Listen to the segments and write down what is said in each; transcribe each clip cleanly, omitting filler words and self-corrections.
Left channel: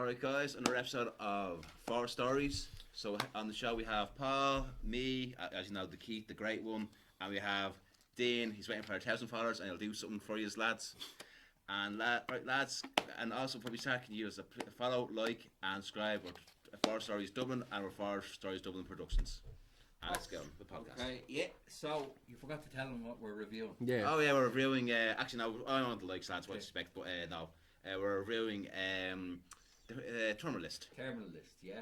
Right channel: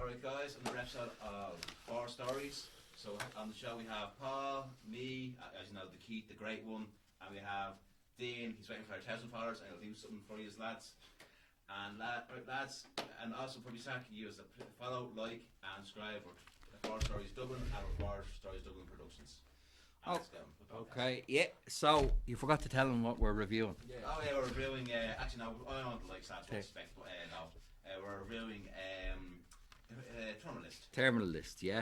Alright guys, another episode of Four Stories. So on the show we have Paul, me, as you know, the Keith, the great one, and we have Dean, he's waiting for our 1,000 followers and he'll do something for you lads. And right lads, and also probably can you use a follow, like and subscribe or Four Stories Dublin and our Four Stories Dublin Productions. And let's go on with the podcast. Okay, yeah. So you forgot to tell them what we're reviewing. Yeah. Oh yeah, we're reviewing, actually no, I don't want the likes lads, what to expect, but no. We're reviewing the Terminal List. Terminal List, yeah.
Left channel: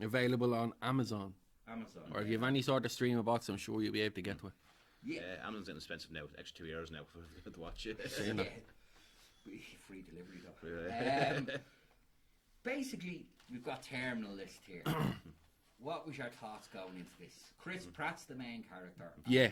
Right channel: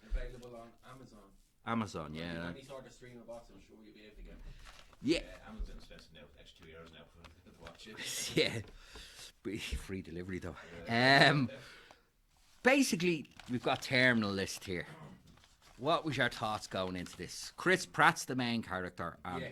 Available on Amazon. Amazon, Or yeah. if you have any sort of streamer box, I'm sure you'll be able to get to it. Yeah. Amazon's inexpensive now, extra €2 now for to watch it. Yeah. Free delivery though. Yeah. Basically, we've got Terminal List here. What was your thoughts going into this? Chris Pratt's the main character. Yeah.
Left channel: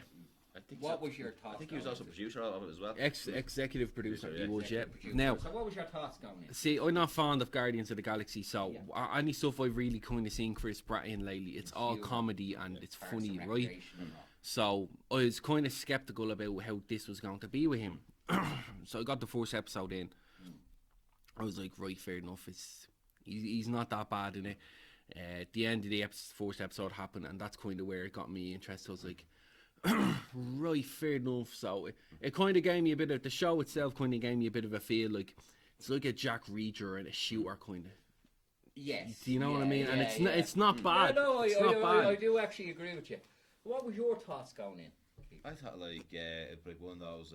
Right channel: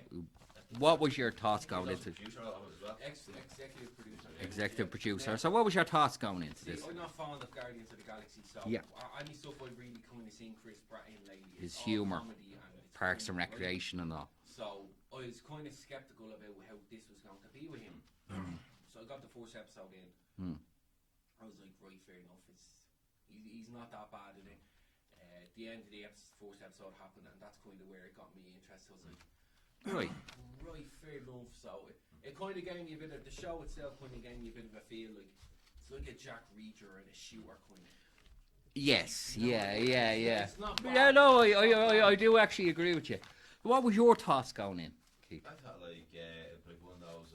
What was your thoughts He was going also into producer of it as well. Executive producer. Yeah. he was, executive yeah. producer? Now, So what was your thoughts going into see, this? I'm not fond of Guardians of the Galaxy, so Yeah. any stuff I've really kind of seen Chris Pratt in lately, it's all humour. comedy and it's Parks funny, and right? Recreation and all. So I was kind of skeptical about how this was going to be with him. So I got the first episode in. I was like, right, fair enough. He's not that bad in it. At the end of the first episode happened, and that's kind of where it got me interested. I was like, right, fair enough. So it kind of gave me a bit of, the show itself kind of gave me a bit of a feel like it's like a Jack Reacher and a shooter kind of. Yes. You know what I mean? Yeah, And yeah. it's not bad. Yeah, no, It's not bad. I do actually agree with you. What was your thoughts going in, Keith? I thought it'd be one of those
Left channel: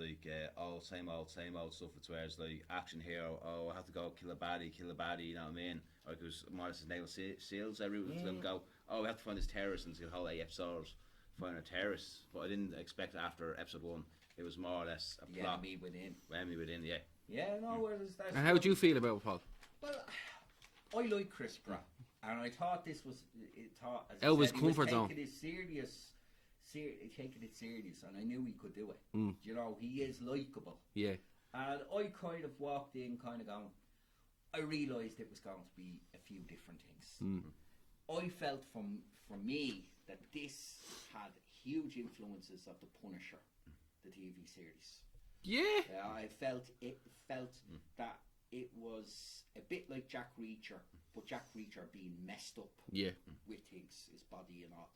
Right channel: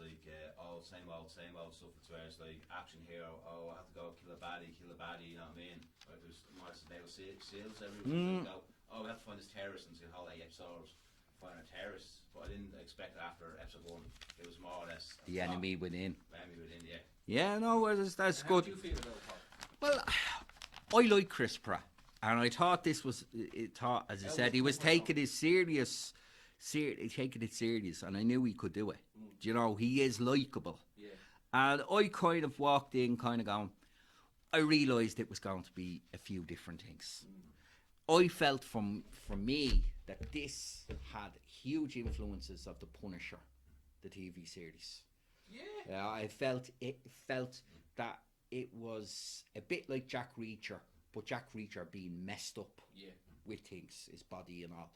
all same old stuff. It's where it's like action hero. Oh, I have to go kill a baddie. You know what I mean? Like there's more or less nail seals everywhere. Go. Oh, we have to find this terrorist and see the whole 8 episodes find a terrorist. But I didn't expect after episode 1 it was more or less a The plot. enemy within. Enemy within, yeah. Yeah, no, that's And good. how do you feel about it, Paul? Well, I like Chris Pratt, and I thought this was. As I Elvis said, he was comfort zone. taking it serious. Taking it serious, and I knew he could do it. Do you know, he is likable. Yeah. And I kind of walked in, kind of going. I realised it was going to be a few different things. I felt from me that this had huge influences of The Punisher, the TV series. Yeah. I felt that it was a bit like Jack Reacher, but Jack Reacher being messed up Yeah. with things, his body and all.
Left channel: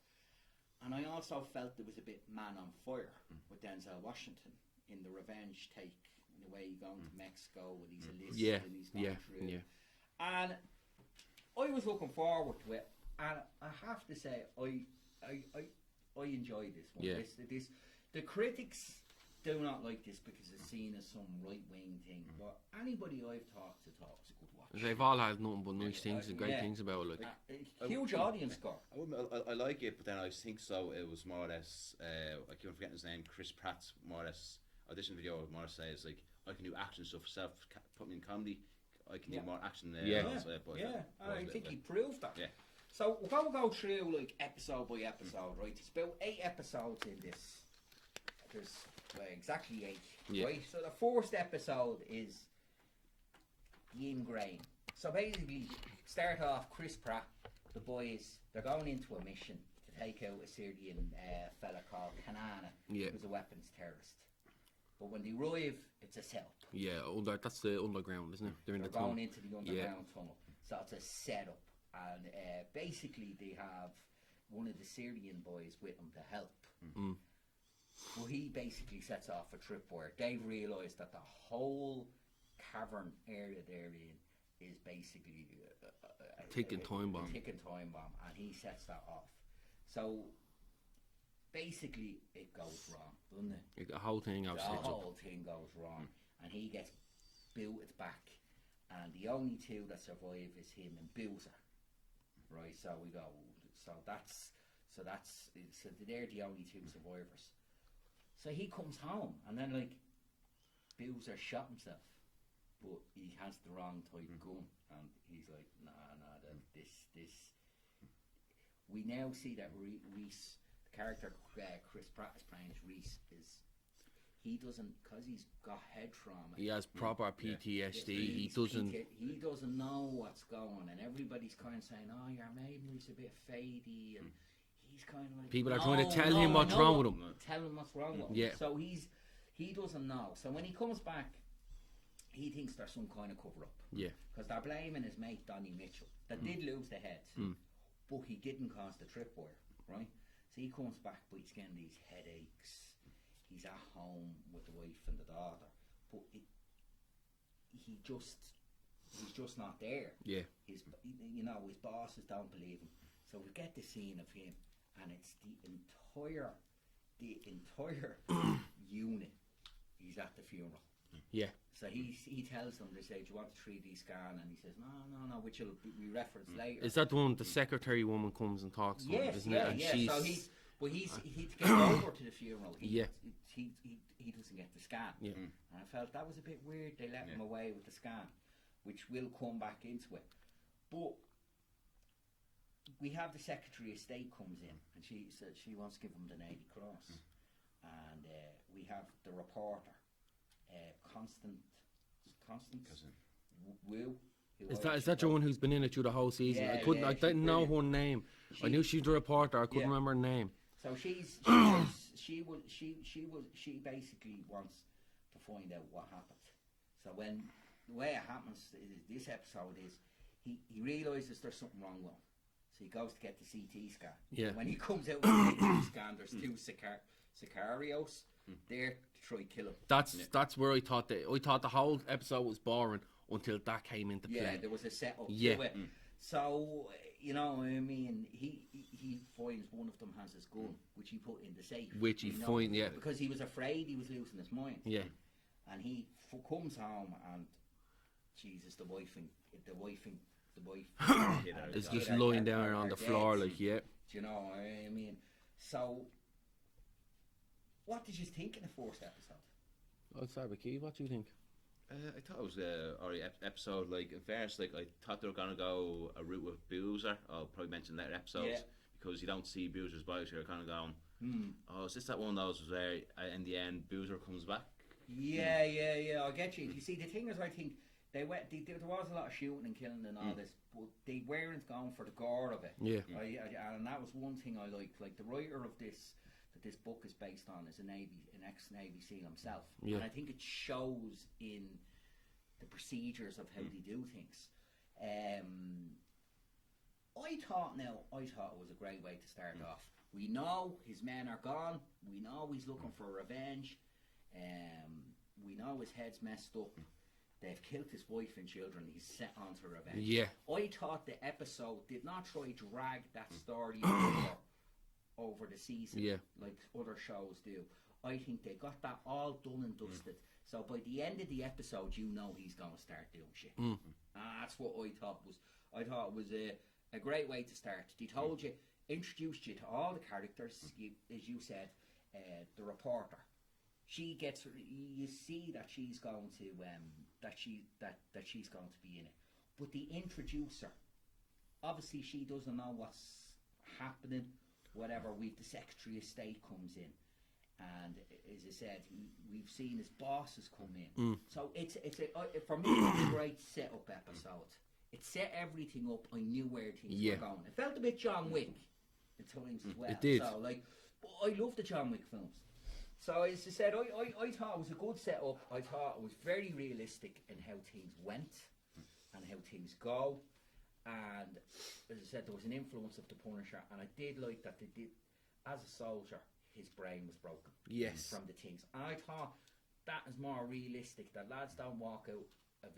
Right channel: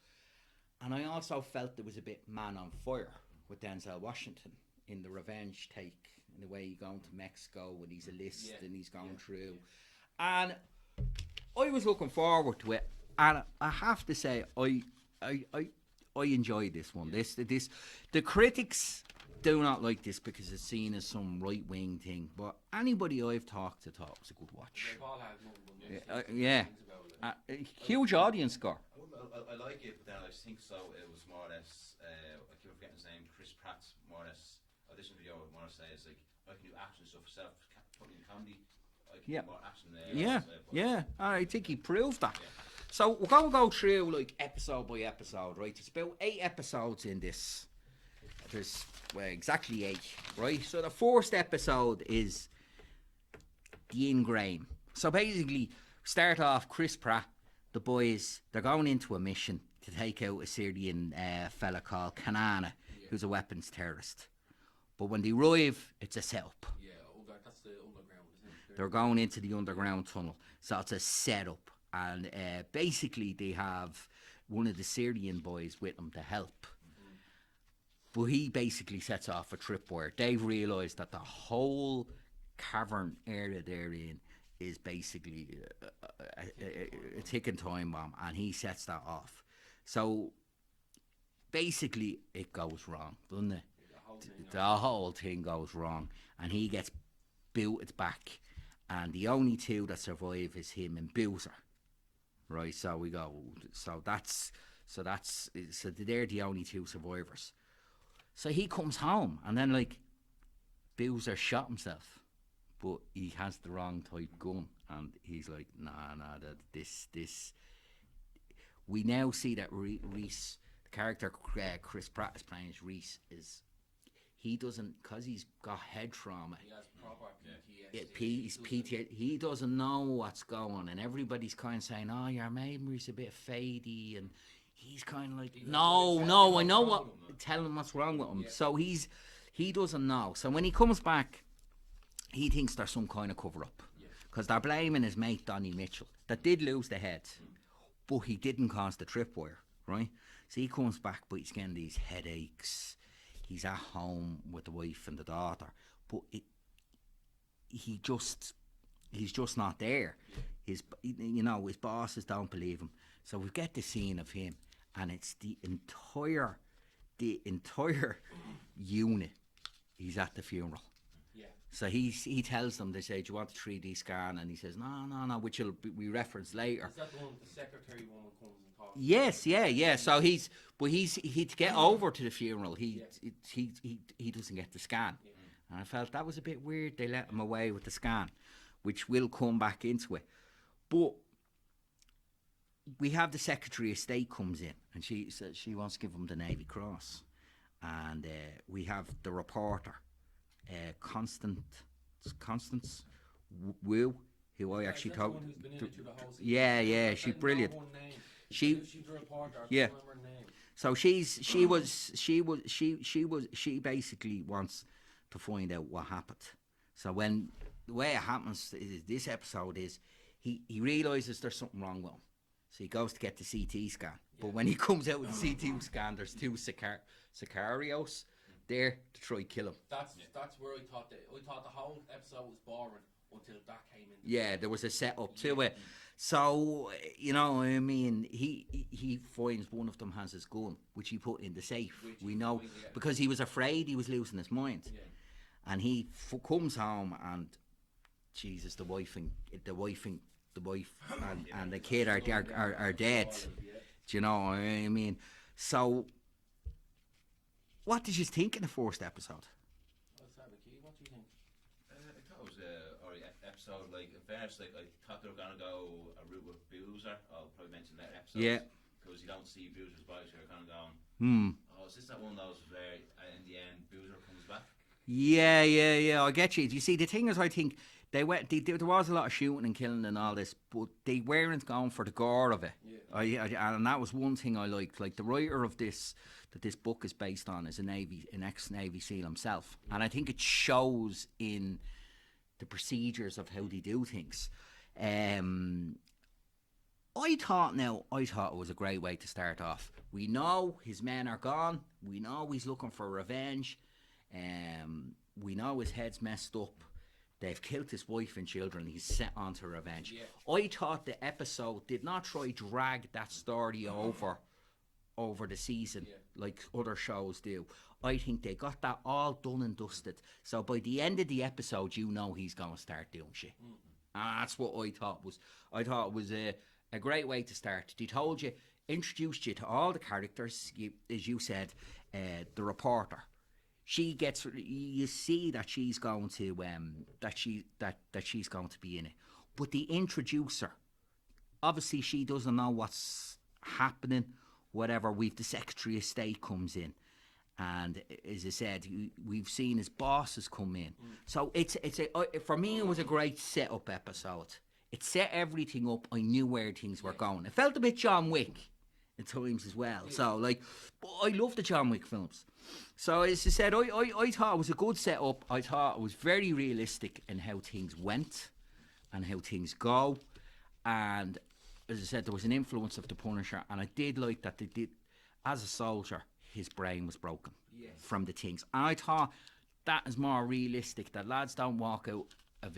And I also felt there was a bit Man on Fire with Denzel Washington in the revenge take, in the way he's going to Mexico and he's a list Yeah. and he's going Yeah. through. Yeah. And I was looking forward to it, and I have to say I enjoyed this one. Yeah. This the critics do not like this because it's seen as some right wing thing, but anybody I've talked to thought it was a good watch. They've all had nothing but nice things and yeah. great things about it. Like. A huge audience score. I like it, but then I think so. It was more or less. I keep forgetting his name. Chris Pratt's more or less audition video. More or less says like I can do action stuff myself. Put me in comedy. I can Yeah. do more action. Yeah. I think he proved that. Yeah. So we're going to go through like episode by episode, right? It's about 8 episodes in this. There's exactly 8, Yeah. right? So the first episode is the Ingrain. So basically, start off Chris Pratt, the boys, they're going into a mission to take out a Syrian fella called Kanana, Yeah. who's a weapons terrorist. But when they arrive, it's a setup. Yeah, that's the underground, isn't it? They're going into the underground tunnel. So it's a setup. And basically they have one of the Syrian boys with them to help. But he basically sets off a tripwire. They've realised that the whole cavern area they're in is basically a ticking time bomb. And he sets that off. So basically it goes wrong, doesn't it? The whole thing. The whole thing goes wrong, and he gets booted back, and the only two that survive is him and Boozer. Right, so we go. So they're the only 2 survivors. So he comes home, and then like Boozer shot himself, but he has the wrong type gun, and he's like, nah, this. We now see that Reese, the character Chris Pratt is playing as Reese, is he doesn't, because he's got head trauma. He has proper PTSD. He doesn't know what's going, and everybody's kind of saying, "Oh, your memory's a bit fadey," and he's kind of like, People are trying to tell him what's wrong with him. Tell him what's wrong with him. Yeah. So he doesn't know. So when he comes back, he thinks there's some kind of cover up. Yeah. Because they're blaming his mate Donny Mitchell that did lose the head, but he didn't cause the tripwire, right? So he comes back, but he's getting these headaches. He's at home with the wife and the daughter, but he's just not there. Yeah. His bosses don't believe him. So we get the scene of him, and it's the entire unit. He's at the funeral. Yeah. So he tells them, they say, do you want a 3D scan? And he says, no, which we reference later. Is that the one the secretary woman comes and talks? Yes, about, yeah. So he to get over to the funeral, he doesn't get the scan. Yeah. And I felt that was a bit weird. They let him away with the scan, which will come back into it. But we have the Secretary of State comes in, and she says she wants to give him the Navy Cross, and we have the reporter, Constance Wu. Is that the one who's been in it through the whole season? Yeah, I didn't know her name. I knew she was a reporter. I couldn't remember her name. So she basically wants to find out what happened. So when the way it happens is this episode is he realizes there's something wrong with him. So he goes to get the CT scan. Yeah. But when he comes out with the CT scan, there's two Sicarios there to try and kill him. That's where I thought the whole episode was boring until that came into play. Yeah, there was a setup to it. So, I mean, he finds one of them has his gun, which he put in the safe. Which he find, yeah. Because he was afraid he was losing his mind. Yeah. And he comes home and, Jesus, the wife and the kid are dead. Floor, yeah. Do you know what I mean? So, what did you think in the first episode? I'll start with Keith. What do you think? I thought it was a alright episode. Like at first, like I thought they were gonna go a route with Boozer. I'll probably mention that episode. Yeah. Because you don't see Boozer's bike, so you're kind of going, oh, is this that one of those where in the end Boozer comes back? Yeah. I get you. You see, the thing is, I think there was a lot of shooting and killing and all this, but they weren't going for the gore of it. Yeah. And that was one thing I liked. Like the writer of this that this book is based on is an ex-Navy SEAL himself, and I think it shows in the procedures of how they do things. I thought it was a great way to start off. We know his men are gone. We know he's looking for revenge. We know his head's messed up. They've killed his wife and children. He's set on to revenge. Yeah. I thought the episode did not try to drag that story over the season like other shows do. I think they got that all done and dusted. So by the end of the episode, you know he's going to start doing shit. And that's what I thought was. I thought it was a great way to start. They told you, introduced you to all the characters. As you said, the reporter. She gets. You see that she's going to that she's going to be in it. But the introducer, obviously, she doesn't know what's happening. Whatever. We've the Secretary of State comes in, and as I said, we've seen his bosses come in. So for me, it was a great setup episode. It set everything up. I knew where things were going. It felt a bit John Wick at times as well. So I love the John Wick films. So as I said, I thought it was a good setup. I thought it was very realistic in how things went and how things go. And as I said, there was an influence of the Punisher, and I did like that they did, as a soldier, his brain was broken from the things. And I thought that is more realistic, that lads don't walk out of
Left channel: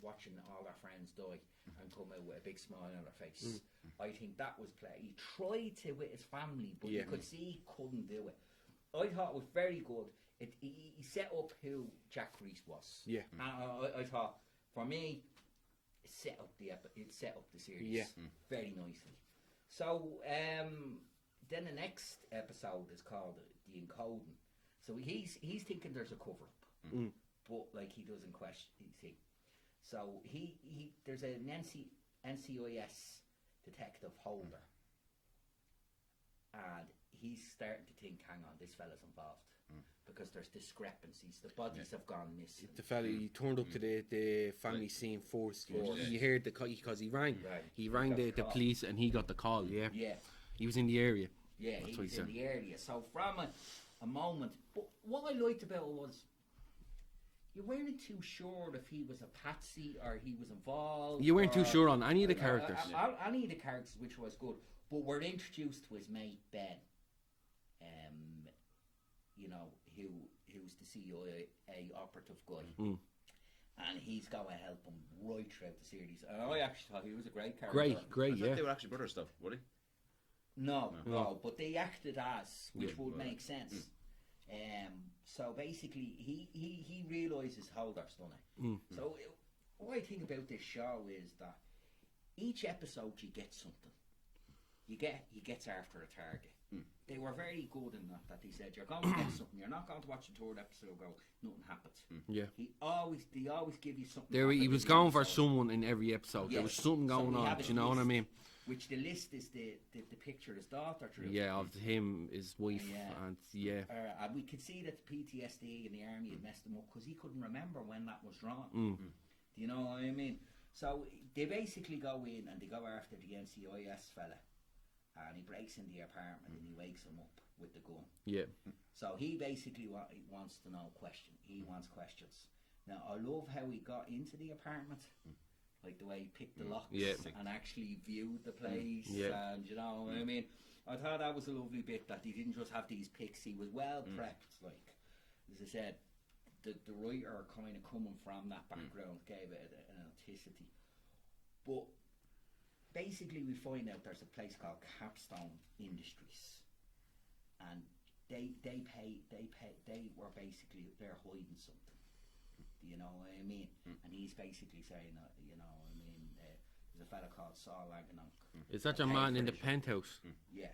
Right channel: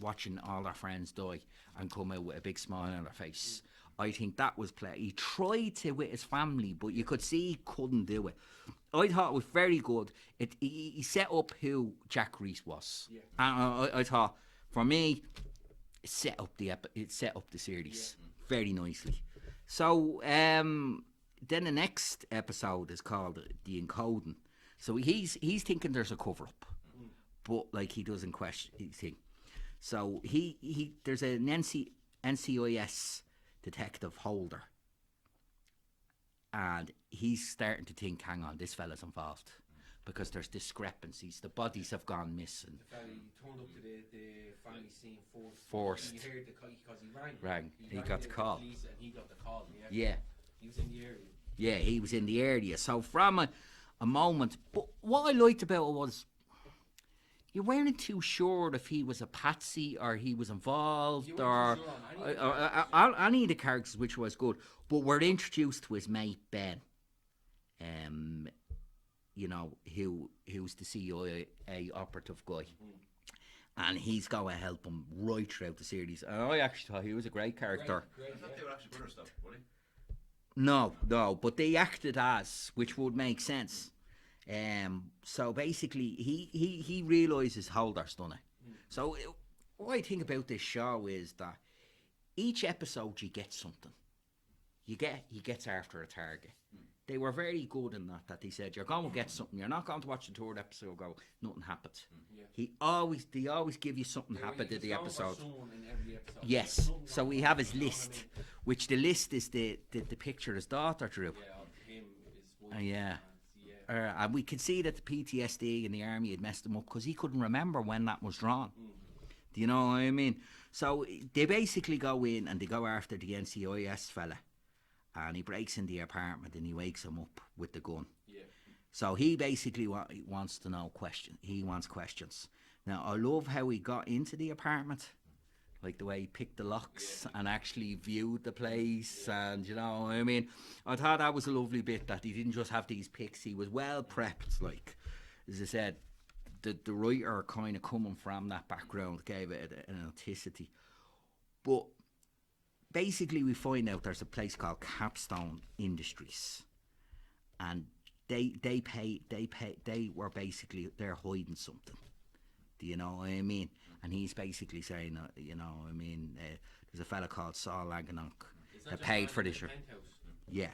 watching all their friends die and come out with a big smile on their face. I think that was play. He tried to with his family, but you could see he couldn't do it. I thought it was very good. He set up who Jack Reese was. Yeah. And I thought, for me, it set up the series very nicely. So then the next episode is called The Encoding. So he's thinking there's a cover up, but like he doesn't question anything. So he there's an NCIS detective Holder, and he's starting to think, hang on, this fella's involved because there's discrepancies. The bodies have gone missing. The fella, he turned up to the family scene first. He heard because he rang. He rang the police and he got the call. Yeah. He was in the area. Yeah, he was in the area. So from a moment, but what I liked about it was, you weren't too sure if he was a patsy or he was involved. You weren't too or- sure on any of the characters. Any of the characters, which was good. But we're introduced to his mate Ben. You know, who's the CIA operative guy. And he's going to help him right throughout the series. And I actually thought he was a great character. Great, I yeah. thought they were actually brothers, though, were they? No, but they acted as, which would make sense. So basically, he realises Holder's done it. So what I think about this show is that each episode you get something. He gets after a target. They were very good in that they said you're going to get something. You're not going to watch the third episode and go, nothing happens. Yeah. They always give you something. He happened was in the going for episode. someone in every episode. There was Yes. something So going we on, have his you know list, what I mean? which the list is the picture of his daughter drew. Yeah, of him, his wife. Yeah. And yeah. And we could see that the PTSD in the army had messed him up because he couldn't remember when that was drawn. Do you know what I mean? So they basically go in and they go after the NCIS fella, and he breaks in the apartment and he wakes him up with the gun. Yeah. So he basically wants to know He wants questions. Now I love how he got into the apartment, like the way he picked the locks and actually viewed the place, and you know what I mean. I thought that was a lovely bit that he didn't just have these picks. He was well prepped. Like as I said, the writer kind of coming from that background gave it an authenticity. But basically, we find out there's a place called Capstone Industries, and they were basically they're hiding something. Do you know what I mean? And he's basically saying, you know what I mean, there's a fella called Saul Laganok. Is that that your paid man for in the this. penthouse? Yeah.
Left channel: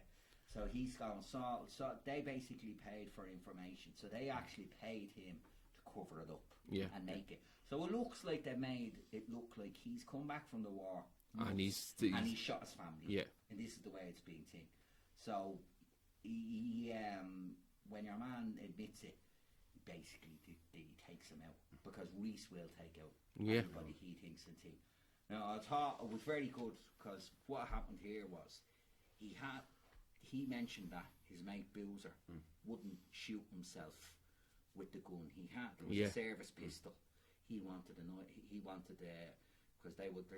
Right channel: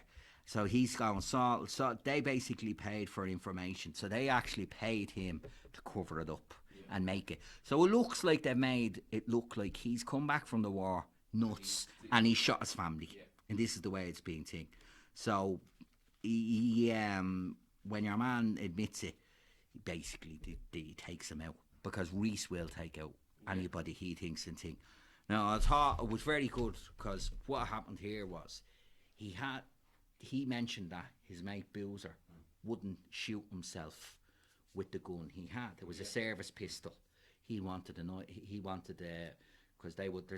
So he's going, so they basically paid for information. So they actually paid him to cover it up and make it. So it looks like they made it look like he's come back from the war nuts and he shot his family. Yeah. And this is the way it's being taken. So he when your man admits it, basically he takes him out because Reese will take out anybody he thinks and think. Now I thought it was very good because what happened here was he mentioned that his mate Boozer wouldn't shoot himself with the gun he had. It was a service pistol. He wanted because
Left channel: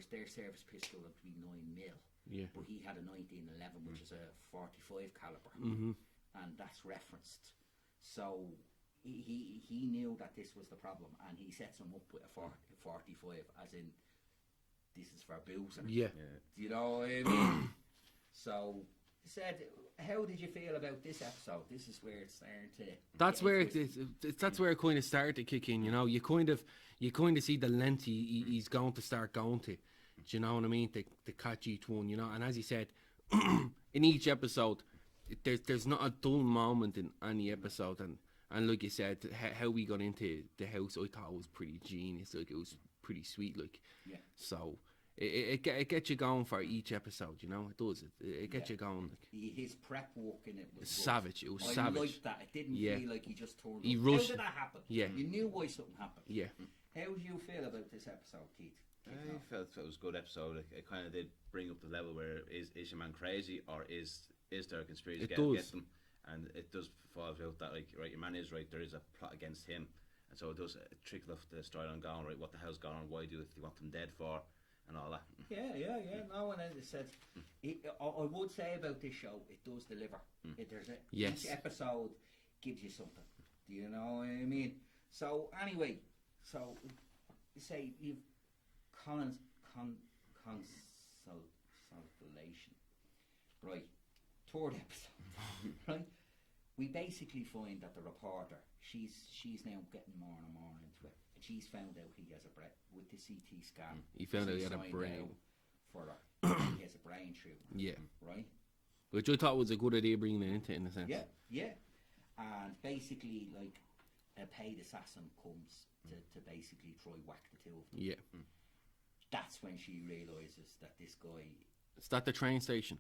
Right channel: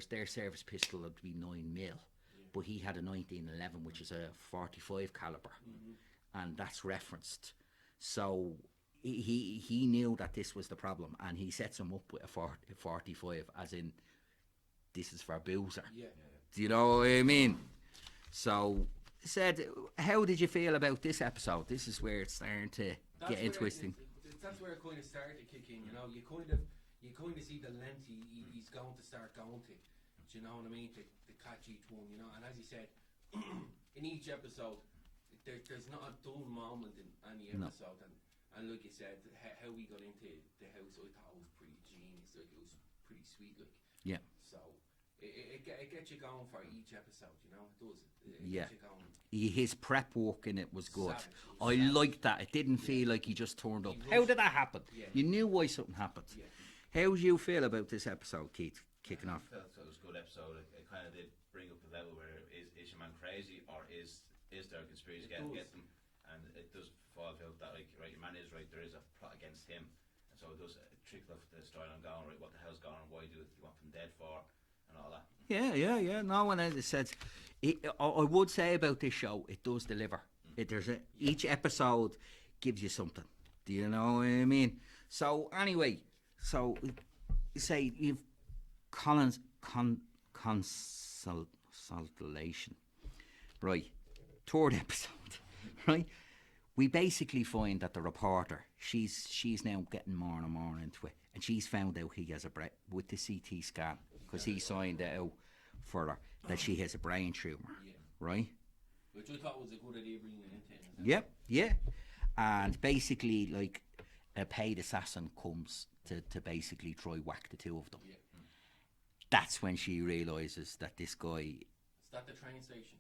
their service pistol would be 9mm, but he had a 1911, which is a 45 caliber, and that's referenced. So he knew that this was the problem, and he sets him up with a 45, as in this is for Boozer. Yeah. Do you know what I mean? So said, how did you feel about this episode? This is where it's starting to. That's get where twisted. that's where it kind of started to kick in. You know, you kind of see the length he's going to start going to. Do you know what I mean? To catch each one, you know. And as he said, in each episode, there's not a dull moment in any episode. And like you said, how we got into the house, I thought it was pretty genius. Like it was pretty sweet. Like Yeah. So. It gets you going for each episode, you know. It does. It gets you going. His prep work in it was good. Savage. It was I savage. liked that. It didn't Yeah. feel like he just turned up. He How rushed did that happen? Yeah. You knew why something happened. Yeah. How do you feel about this episode, Keith? Kicking I off. felt it was a good episode. It kind of did bring up the level where is your man crazy or is there a conspiracy It against does. him? And it does fall out that like right, your man is right. There is a plot against him, and so it does trickle off the storyline going right. What the hell's going on? Why do you want them dead for? And all that. Yeah. No one else said. I would say about this show, it does deliver. Each episode gives you something. Do you know what I mean? So anyway, say you've consolation, right? Third episode, right? We basically find that the reporter, she's now getting more and more into it, and she's found out he has with the CT scan. He found out he had a signed brain. out for her that she has a brain tumor. Yeah. Right. Which I thought was a good idea bringing it into it in a sense. Yep. Yeah. And basically, like a paid assassin comes to basically try whack the two of them. Yeah. That's when she realizes that this guy. Is that the train station?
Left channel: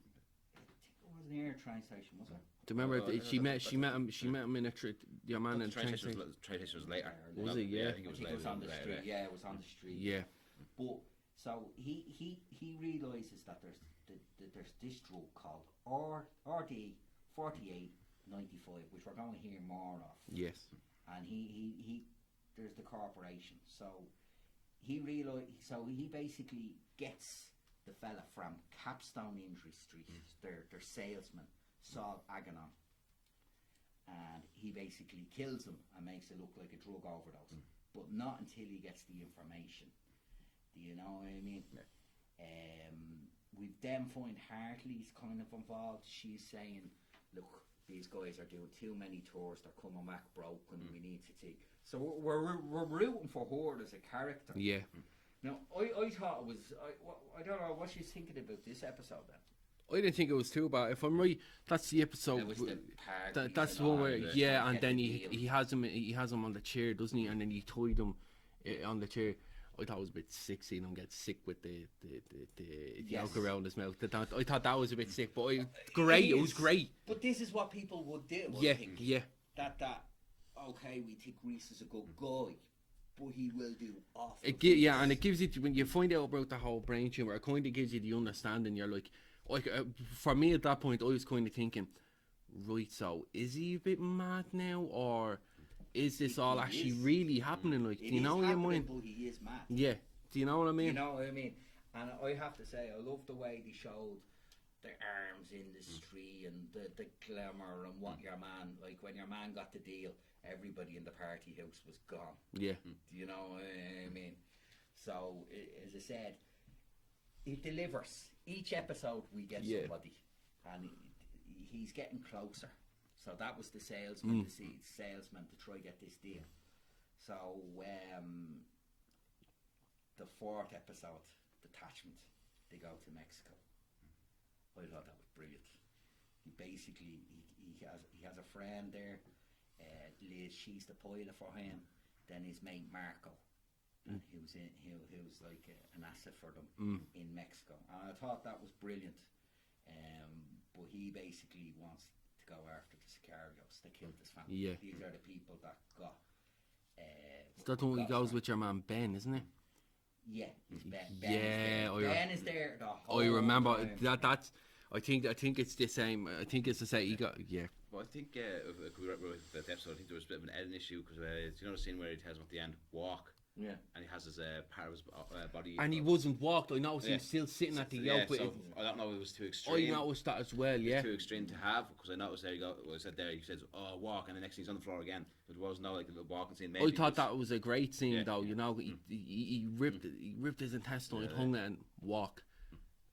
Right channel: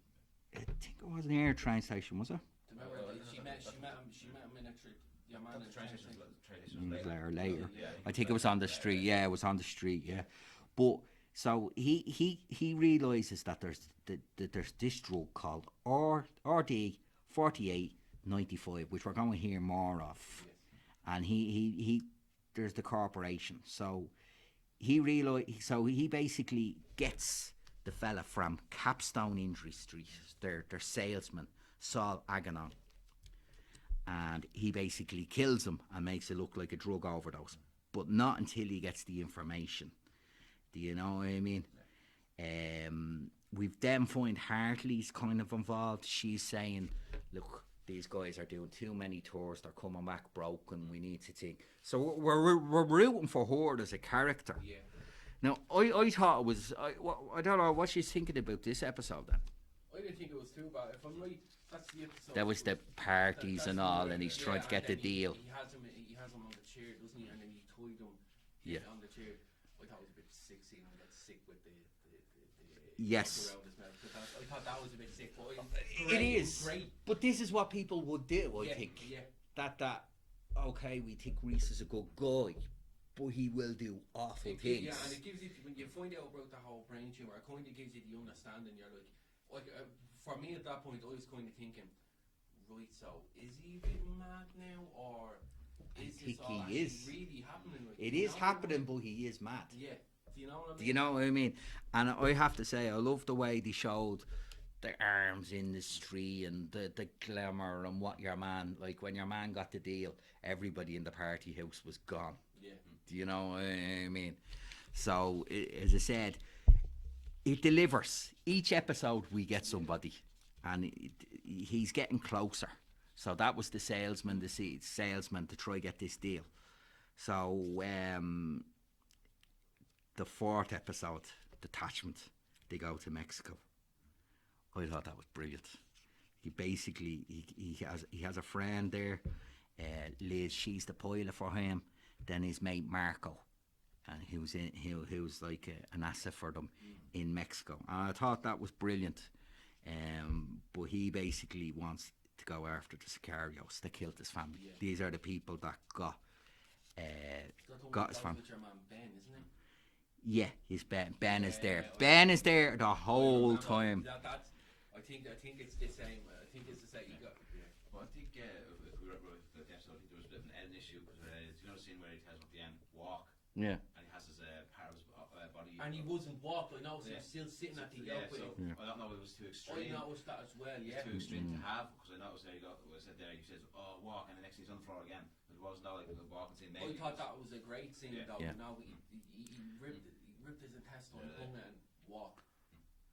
I think it was an air train station, was it? Do you remember Oh, she met him in a your man in a train station. Train station was later. Later. Was it? Yeah. I think it was on the street. Yeah. Yeah, it was on the street. Yeah. But so he realizes that there's this drug called RD 4895, which we're going to hear more of. Yes. And he there's the corporation. So he basically gets the fella from Capstone Industries, their salesman, Saul Aganon, and he basically kills him and makes it look like a drug overdose, but not until he gets the information. Do you know what I mean? We've then find Hartley's kind of involved. She's saying, look, these guys are doing too many tours, they're coming back broken, we need to take... So we're rooting for her as a character. Yeah. Now, I thought it was... I don't know what she's thinking about this episode then. I didn't think it was too bad. If I'm right, that's the episode. That was the parties that's and all, where- and he's yeah, trying to and get then the deal. he has him on the chair, doesn't he? And then he tied him on the chair. I thought it was a bit sick seeing him get sick with the Yes. look around his mouth. I thought that was a bit sick, but great. It was great. But this is what people would do, I Yeah, think. yeah. That okay, we think Reese is a good guy, but he will do awful Yeah, things. and it gives you, when you find out about the whole brain tumor, it kind of gives you the understanding. You're like for me at that point, I was kind of thinking, right, so is he a bit mad now, or is this all He actually is. really happening? Like, It do you is know what I happening, mean? but he is mad. Yeah. Do you know what I mean? You know what I mean? And I have to say, I love the way they showed the arms industry and the glamour and what your man, like when your man got the deal, everybody in the party house was gone. Yeah. Do you know what I mean? So, as I said, it delivers. Each episode we get somebody, and he's getting closer. So that was the salesman, the salesman to try get this deal. So, the fourth episode, Detachment, they go to Mexico. I thought that was brilliant. He basically he has a friend there, Liz. She's the pilot for him. Then his mate Marco, and he was like an asset for them in Mexico. And I thought that was brilliant. But he basically wants to go after the Sicarios that killed his family. Yeah. These are the people that got. That's the one got that his goes fam- with your man Ben, isn't it? Yeah, his Ben. Ben is there. Yeah, Ben is there the whole I remember time. that's. I think it's the same. I think it's the same. He got Well, I think if we were with the episode, I think there was a bit of an editing issue because you know the scene where he tells him at the end, walk, Yeah. and he has his part of his body. and he wasn't walked. I noticed he Yeah. was still sitting at the yeah, yoke. so I don't know if it was too I extreme. noticed that as well. Yeah. Too extreme to have because I noticed there you go. Well, I said there he says, "Oh, walk," and the next thing he's on the floor again. But it was not like the walking scene. I thought that was a great scene, Yeah, though. yeah. You know, he ripped his intestine, hung it, and walk.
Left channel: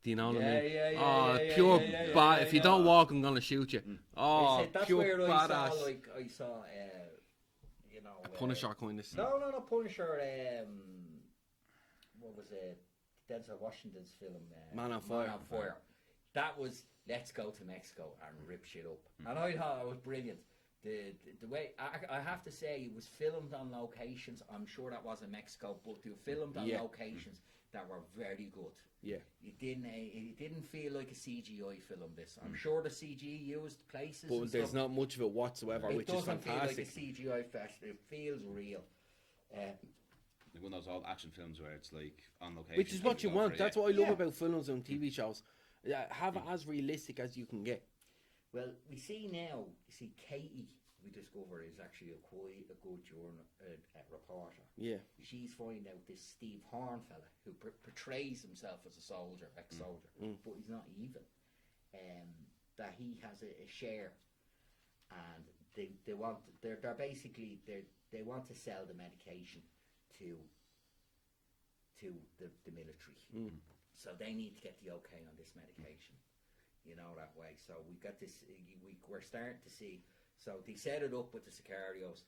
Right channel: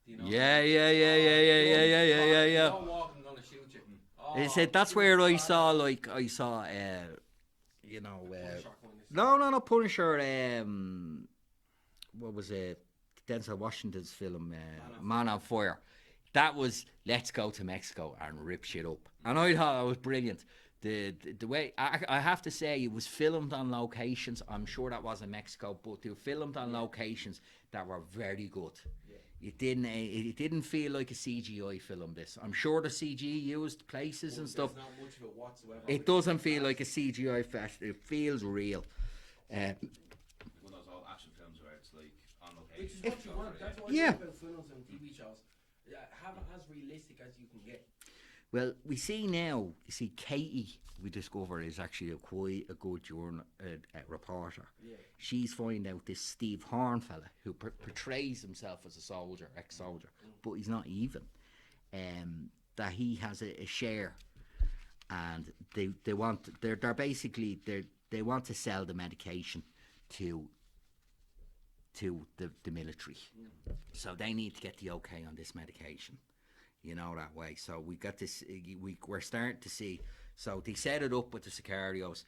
Do you know? what I Yeah, mean? yeah, yeah, Oh, yeah, pure yeah, yeah, bad. yeah, If you yeah. don't walk, I'm gonna shoot you. Oh, He said that's pure where I badass. saw you know, Punisher kind of. No, Punisher. What was it? Denzel Washington's film, Man on Fire. That was let's go to Mexico and rip shit up, and I thought that was brilliant. The way I have to say it was filmed on locations. I'm sure that was in Mexico, but they were filmed on locations that were very good. Yeah. It didn't feel like a CGI film. This I'm sure the CG used places and But stuff. there's not much of it whatsoever. It which is doesn't feel like a fantastic. CGI fest. It feels real. one of those old action films where it's like on location. Which is what you want. That's what I Yeah. love about films and TV shows. Have it as realistic as you can get. Well, we see now. You see, Katie, we discover is actually quite a good reporter. Yeah. She's finding out this Steve Horn fella who portrays himself as a soldier, ex-soldier, but he's not even. That he has a share, and they want they're basically they want to sell the medication to the military. So they need to get the okay on this medication, you know, that way. So we got this, we're starting to see, so they set it up with the Sicarios.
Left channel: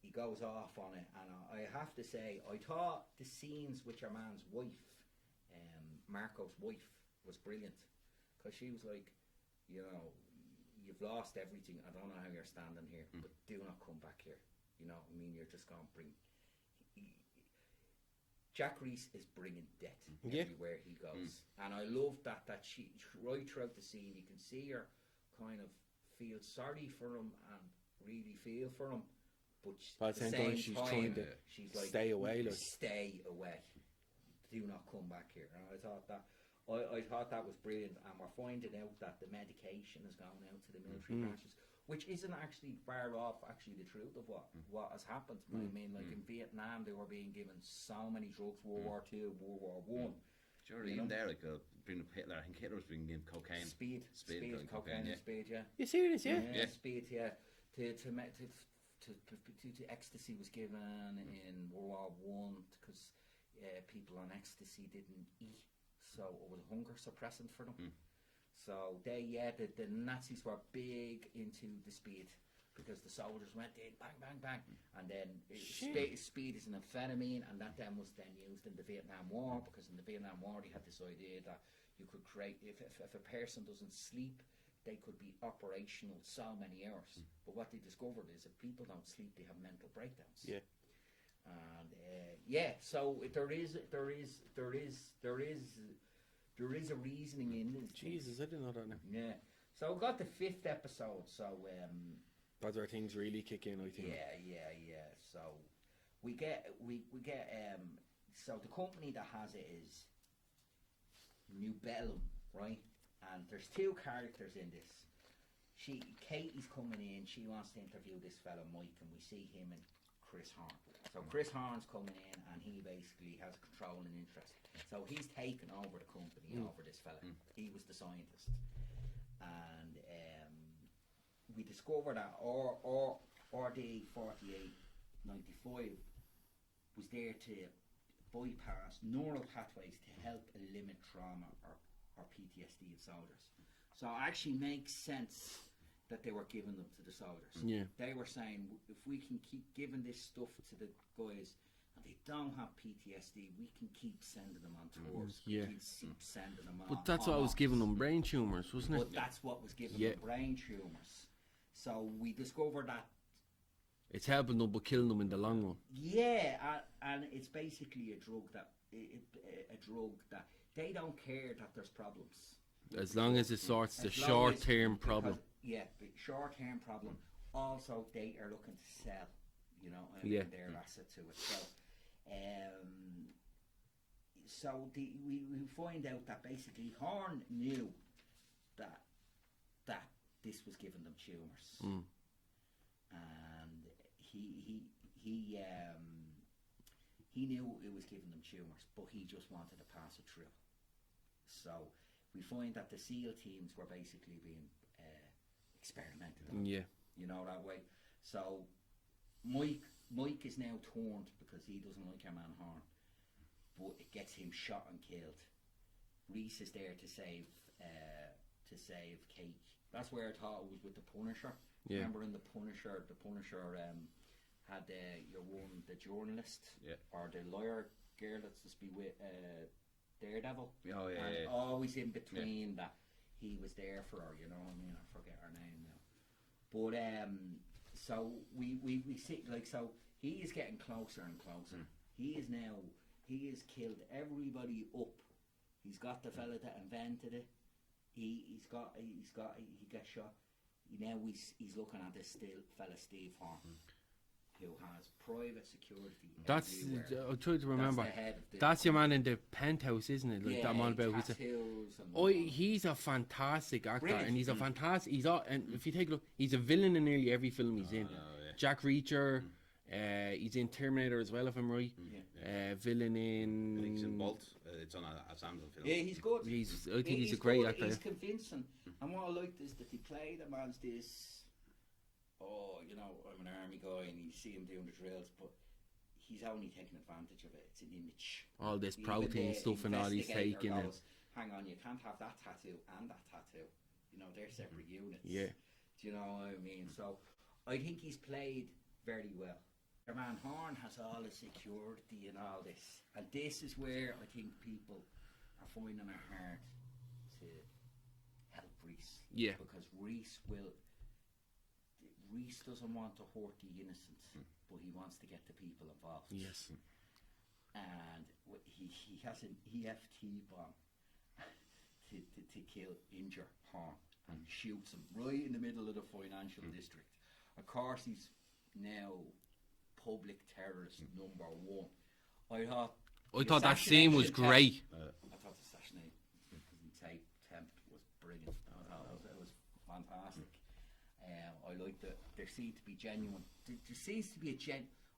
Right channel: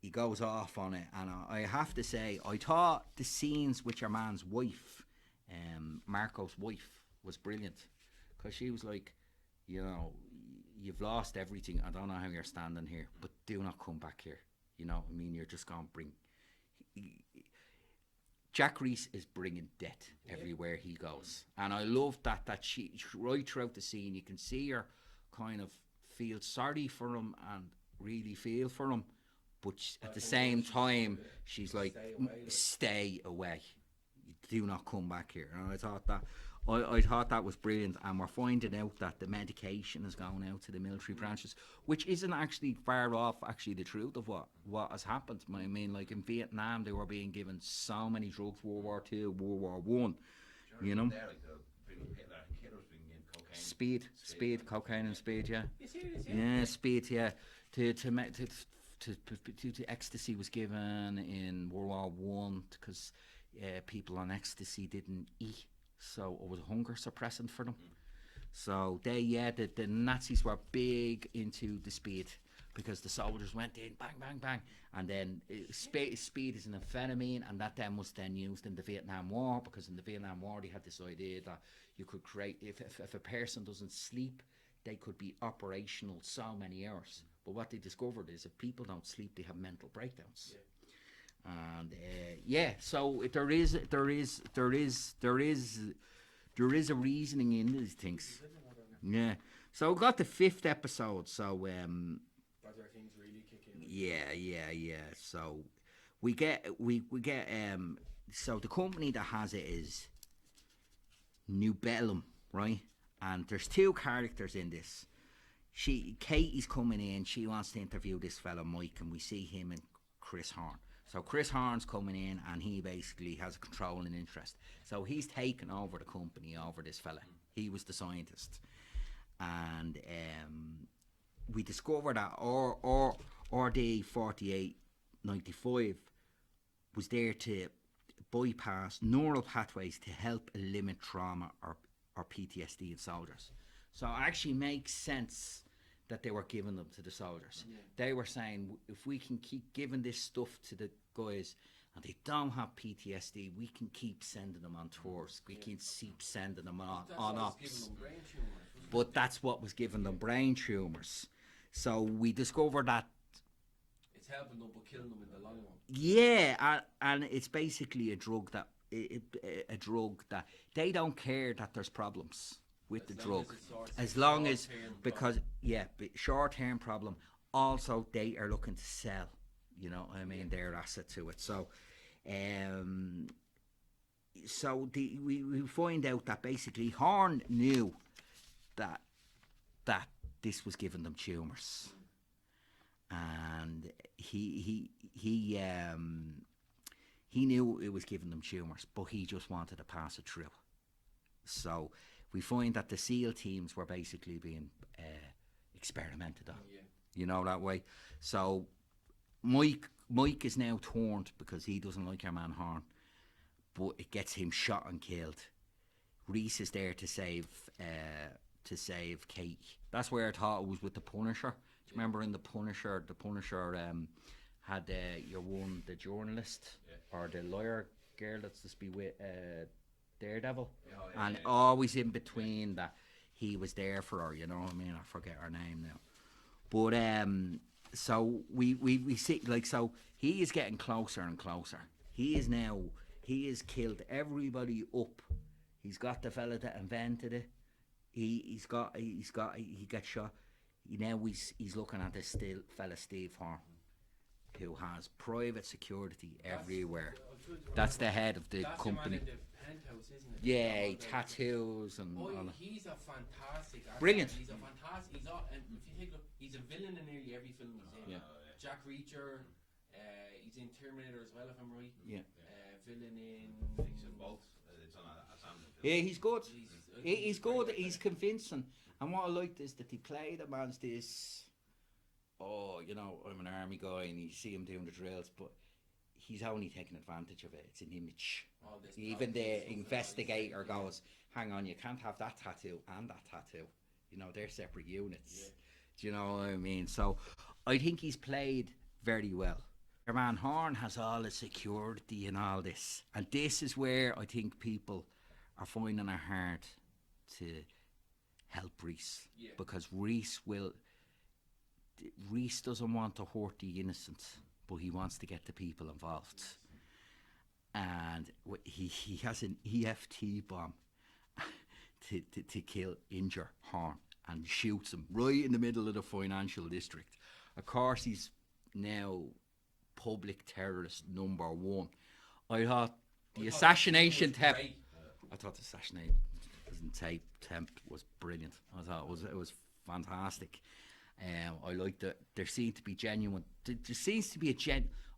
He goes off on it, and I have to say, I thought the scenes with your man's wife, Marco's wife, was brilliant, because she was like, you know, you've lost everything, I don't know how you're standing here, but do not come back here, you know, I mean, you're just going to bring... Jack Reese is bringing death everywhere he goes, and I love that she right throughout the scene you can see her kind of feel sorry for him and really feel for him, but at the same time she's like, stay away, stay away, do not come back here. And I thought that I thought that was brilliant, and we're finding out that the medication is going out to the military branches, which isn't actually far off actually the truth of what has happened. I mean, like in Vietnam, they were being given so many drugs, World War II, World War One. You know, there, like bringing up Hitler. I think Hitler was bringing in cocaine. Speed, cocaine, and speed. Yeah. You serious? Yeah. Yeah, speed. Yeah. To ecstasy was given in World War One because people on ecstasy didn't eat, so it was a hunger suppressant for them. So the Nazis were big into the speed because the soldiers went in bang bang bang, and then speed is an amphetamine, and that then was then used in the Vietnam War, because in the Vietnam War they had this idea that you could create if a person doesn't sleep, they could be operational so many hours. But what they discovered is if people don't sleep, they have mental breakdowns. Yeah. And so there is a reasoning in these things. Jesus, I didn't know that now. Yeah. So we got the 5th episode. So That's where things really kick in. I think. yeah. So we get so the company that has it is New Bellum, right? And there's 2 characters in this. Katie's coming in. She wants to interview this fella Mike, and we see him and Chris Horn. So Chris Horn's coming in, and he basically has a controlling interest. So he's taken over the company over this fella. He was the scientist, and we discover that RD 4895 was there to bypass neural pathways to help eliminate trauma or PTSD in soldiers. So it actually makes sense that they were giving them to the soldiers. Yeah. They were saying, if we can keep giving this stuff to the guys and they don't have PTSD, we can keep sending them on tours. We can keep sending them on. But that's what was giving them brain tumours, wasn't it? But that's what was giving them brain tumours. So we discovered that. It's helping them but killing them in the long run. Yeah, and it's basically a drug that they don't care that there's problems. As long as it sorts the short-term problem. Short-term problem. Also, they are looking to sell, their asset to it. So, we find out that basically Horn knew that this was giving them tumours, and he knew it was giving them tumours, but he just wanted to pass it through. So we find that the SEAL teams were basically being experimented on. Yeah. That way. So Mike is now torn because he doesn't like your man Horn, but it gets him shot and killed. Reese is there to save Kate. That's where I thought it was with the Punisher. Yeah. Remember in the Punisher had the journalist or the lawyer girl that's to be with Daredevil, always in between that he was there for her. You know what I mean? I forget her name now. But so we see, like, so he is getting closer and closer. He has killed everybody up. He's got the fella that invented it. He got shot. Now he's looking at this fella Steve Horn, who has private security everywhere. I'm trying to remember. That's the head of the That's company. your man in the Penthouse, isn't it? Like Tattoos and. Oh, he's a fantastic actor. Brilliant. And he's a fantastic. And if you take a look, he's a villain in nearly every film he's in. Jack Reacher. He's in Terminator as well, if I'm right. Villain in. He's in Bolt. It's on a Samsung film. Yeah, he's good. I think he's a great good. actor. He's convincing. And what I liked is that he played him as this. Oh, I'm an army guy, and you see him doing the drills, but he's only taking advantage of it. It's an image. All this Even protein stuff and all he's taking. goes, hang on, you can't have that tattoo and that tattoo. They're separate units. Yeah. Do you know what I mean? So I think he's played very well. Your man Horn has all the security and all this. And this is where I think people are finding it hard to help Reese. Yeah. Because Reese doesn't want to hurt the innocent, but he wants to get the people involved. Yes. And he has an EFT bomb to injure Horn, and shoots him right in the middle of the financial district. Of course, he's now public terrorist #1. I thought that scene was great. I thought the assassination in temp was brilliant. I thought it was fantastic. I liked it. There seemed to be genuine. There seems to be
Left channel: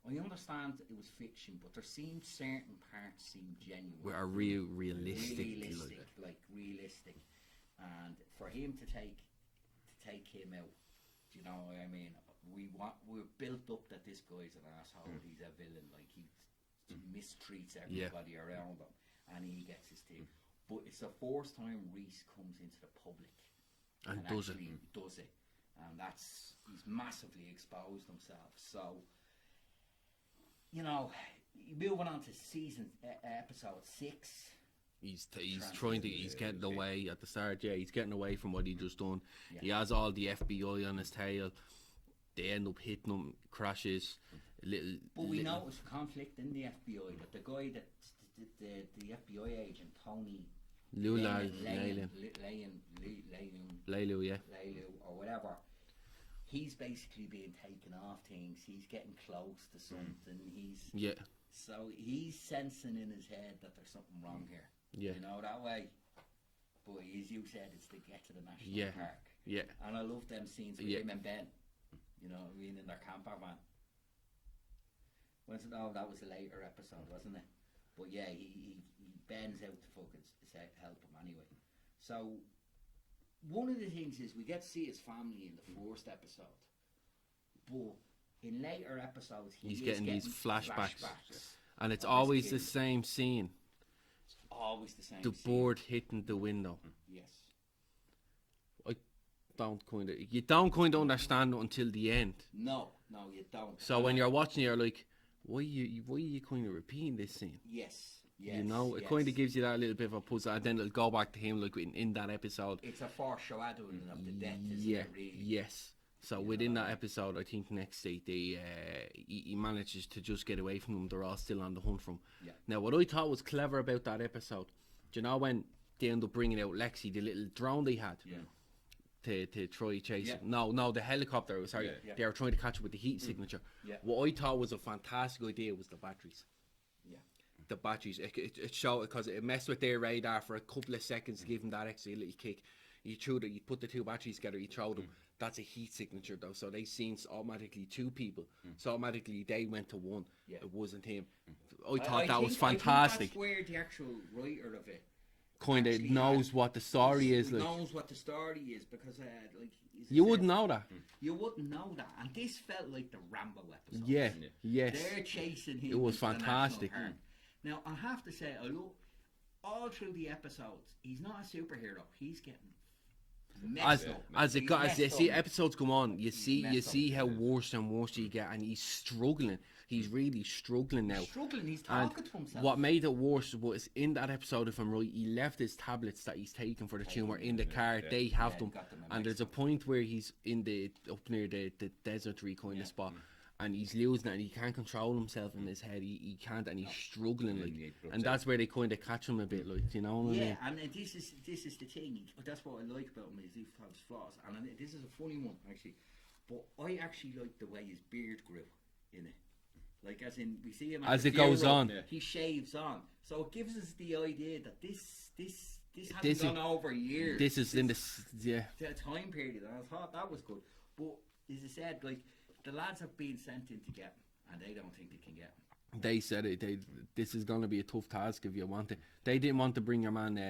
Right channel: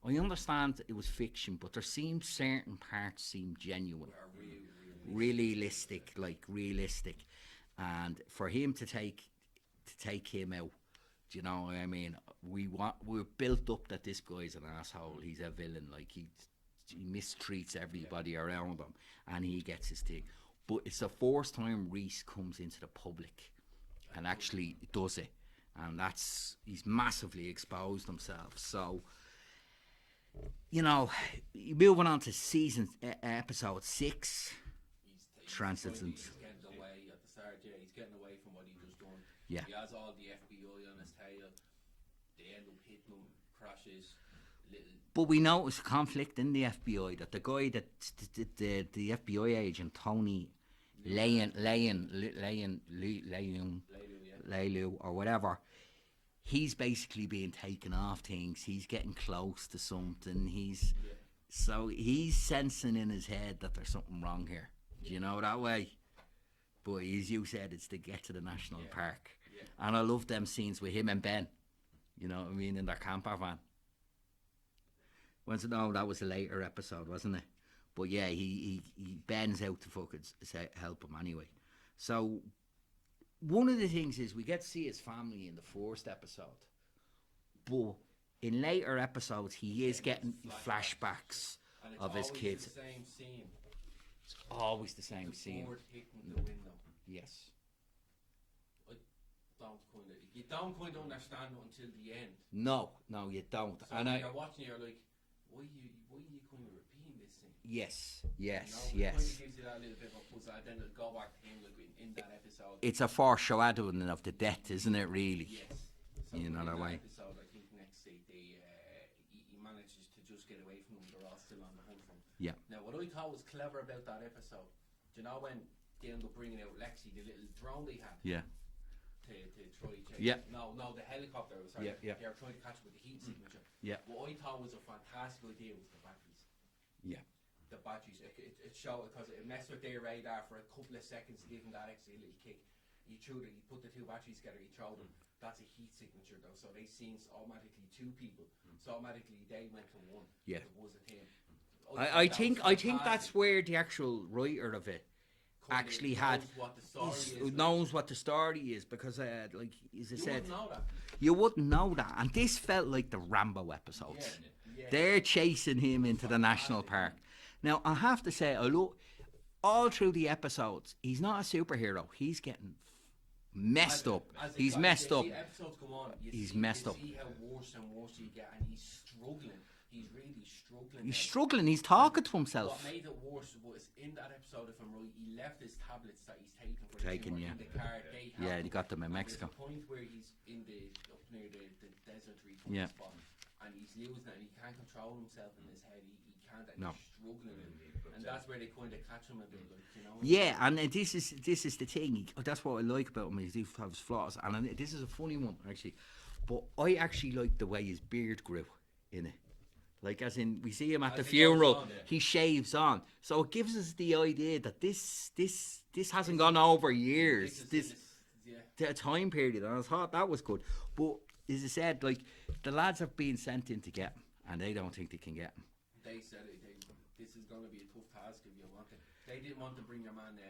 I understand it was fiction, but there seemed certain parts seem genuine, Are realistic. realistic, like realistic. And for him to take him out, do you know what I mean? We're built up that this guy's an asshole. He's a villain. Like he mistreats everybody around him, and he gets his thing. But it's the first time Reese comes into the public and actually does it, and he's massively exposed himself. So, you know, moving on to episode 6. He's getting away at the start. Yeah, he's getting away from what he just done. Yeah. He has all the FBI on his tail. They end up hitting him, crashes. But we notice conflict in the FBI, that the guy that the FBI agent Tony Laiu, or whatever, he's basically being taken off things. He's getting close to something. So he's sensing in his head that there's something wrong here. Yeah. You know, that way. But as you said, it's to get to the national park. Yeah. And I love them scenes with him and Ben. You know what I mean, in their camper van. No, that was a later episode, wasn't it? But yeah, he bends out to fucking help him anyway. So one of the things is we get to see his family in the first episode, but in later episodes he's getting these flashbacks. And it's of his always kid. the same scene. It's always the same. The scene. board hitting the window. Yes. You don't kind of understand it until the end. No, you don't. So when you're watching, you're like, why are you kind of repeating this scene? Yes. You know, it kind of gives you that little bit of a puzzle, and then it'll go back to him like in that episode. It's a foreshadowing of the death, isn't it? Really? Yes. So You know within that that way. episode, I think next day he manages to just get away from them. They're all still on the hunt for him. Yeah. Now, what I thought was clever about that episode, do you know when they end up bringing out Lexi, the little drone they had? Yeah. To try chase. Yeah. No, the helicopter. Sorry, Yeah. they were trying to catch it with the heat signature. Yeah. What I thought was a fantastic idea was the batteries. Yeah. The batteries. It showed because it messed with their radar for a couple of seconds, to give them that extra little kick. You put the two batteries together, you throw them. That's a heat signature though, so they seen automatically 2 people. So automatically they went to 1. Yeah. It wasn't him. I that think was fantastic. that's where the actual writer of it Kind of actually knows what the story is. Like. Knows what the story is, because like You wouldn't know that. You wouldn't know that, and this felt like the Rambo episodes. Yeah. They're chasing him was into the national fantastic. park. Now I have to say, I look all through the episodes. He's not a superhero. He's getting messed up. As he's as you messed see up. episodes come on, you messed up. see how worse and worse he get, and he's struggling. He's really struggling now. He's struggling. He's talking to himself. What made it worse was in that episode, if I'm right, he left his tablets that he's taken for the tumor in the car. They have them. he got them in and there's a Mexico. point where he's in up near the deserty kind of spot, and he's losing it, and he can't control himself in his head. He can't, and he's struggling. And that's where they kind of catch him a bit, like, you know. Yeah, and this is the thing. That's what I like about him. Is he has flaws, and this is a funny one actually. But I actually like the way his beard grew in it. Like, as in, we see him at As the it goes funeral, on. he shaves on. So it gives us the idea that this hasn't gone over years. This is in this, the time period, and I thought that was good. But as I said, like, the lads are being sent in to get him, and they don't think they can get him. They said it. This is going to be a tough task if you want it. They didn't want to bring your man,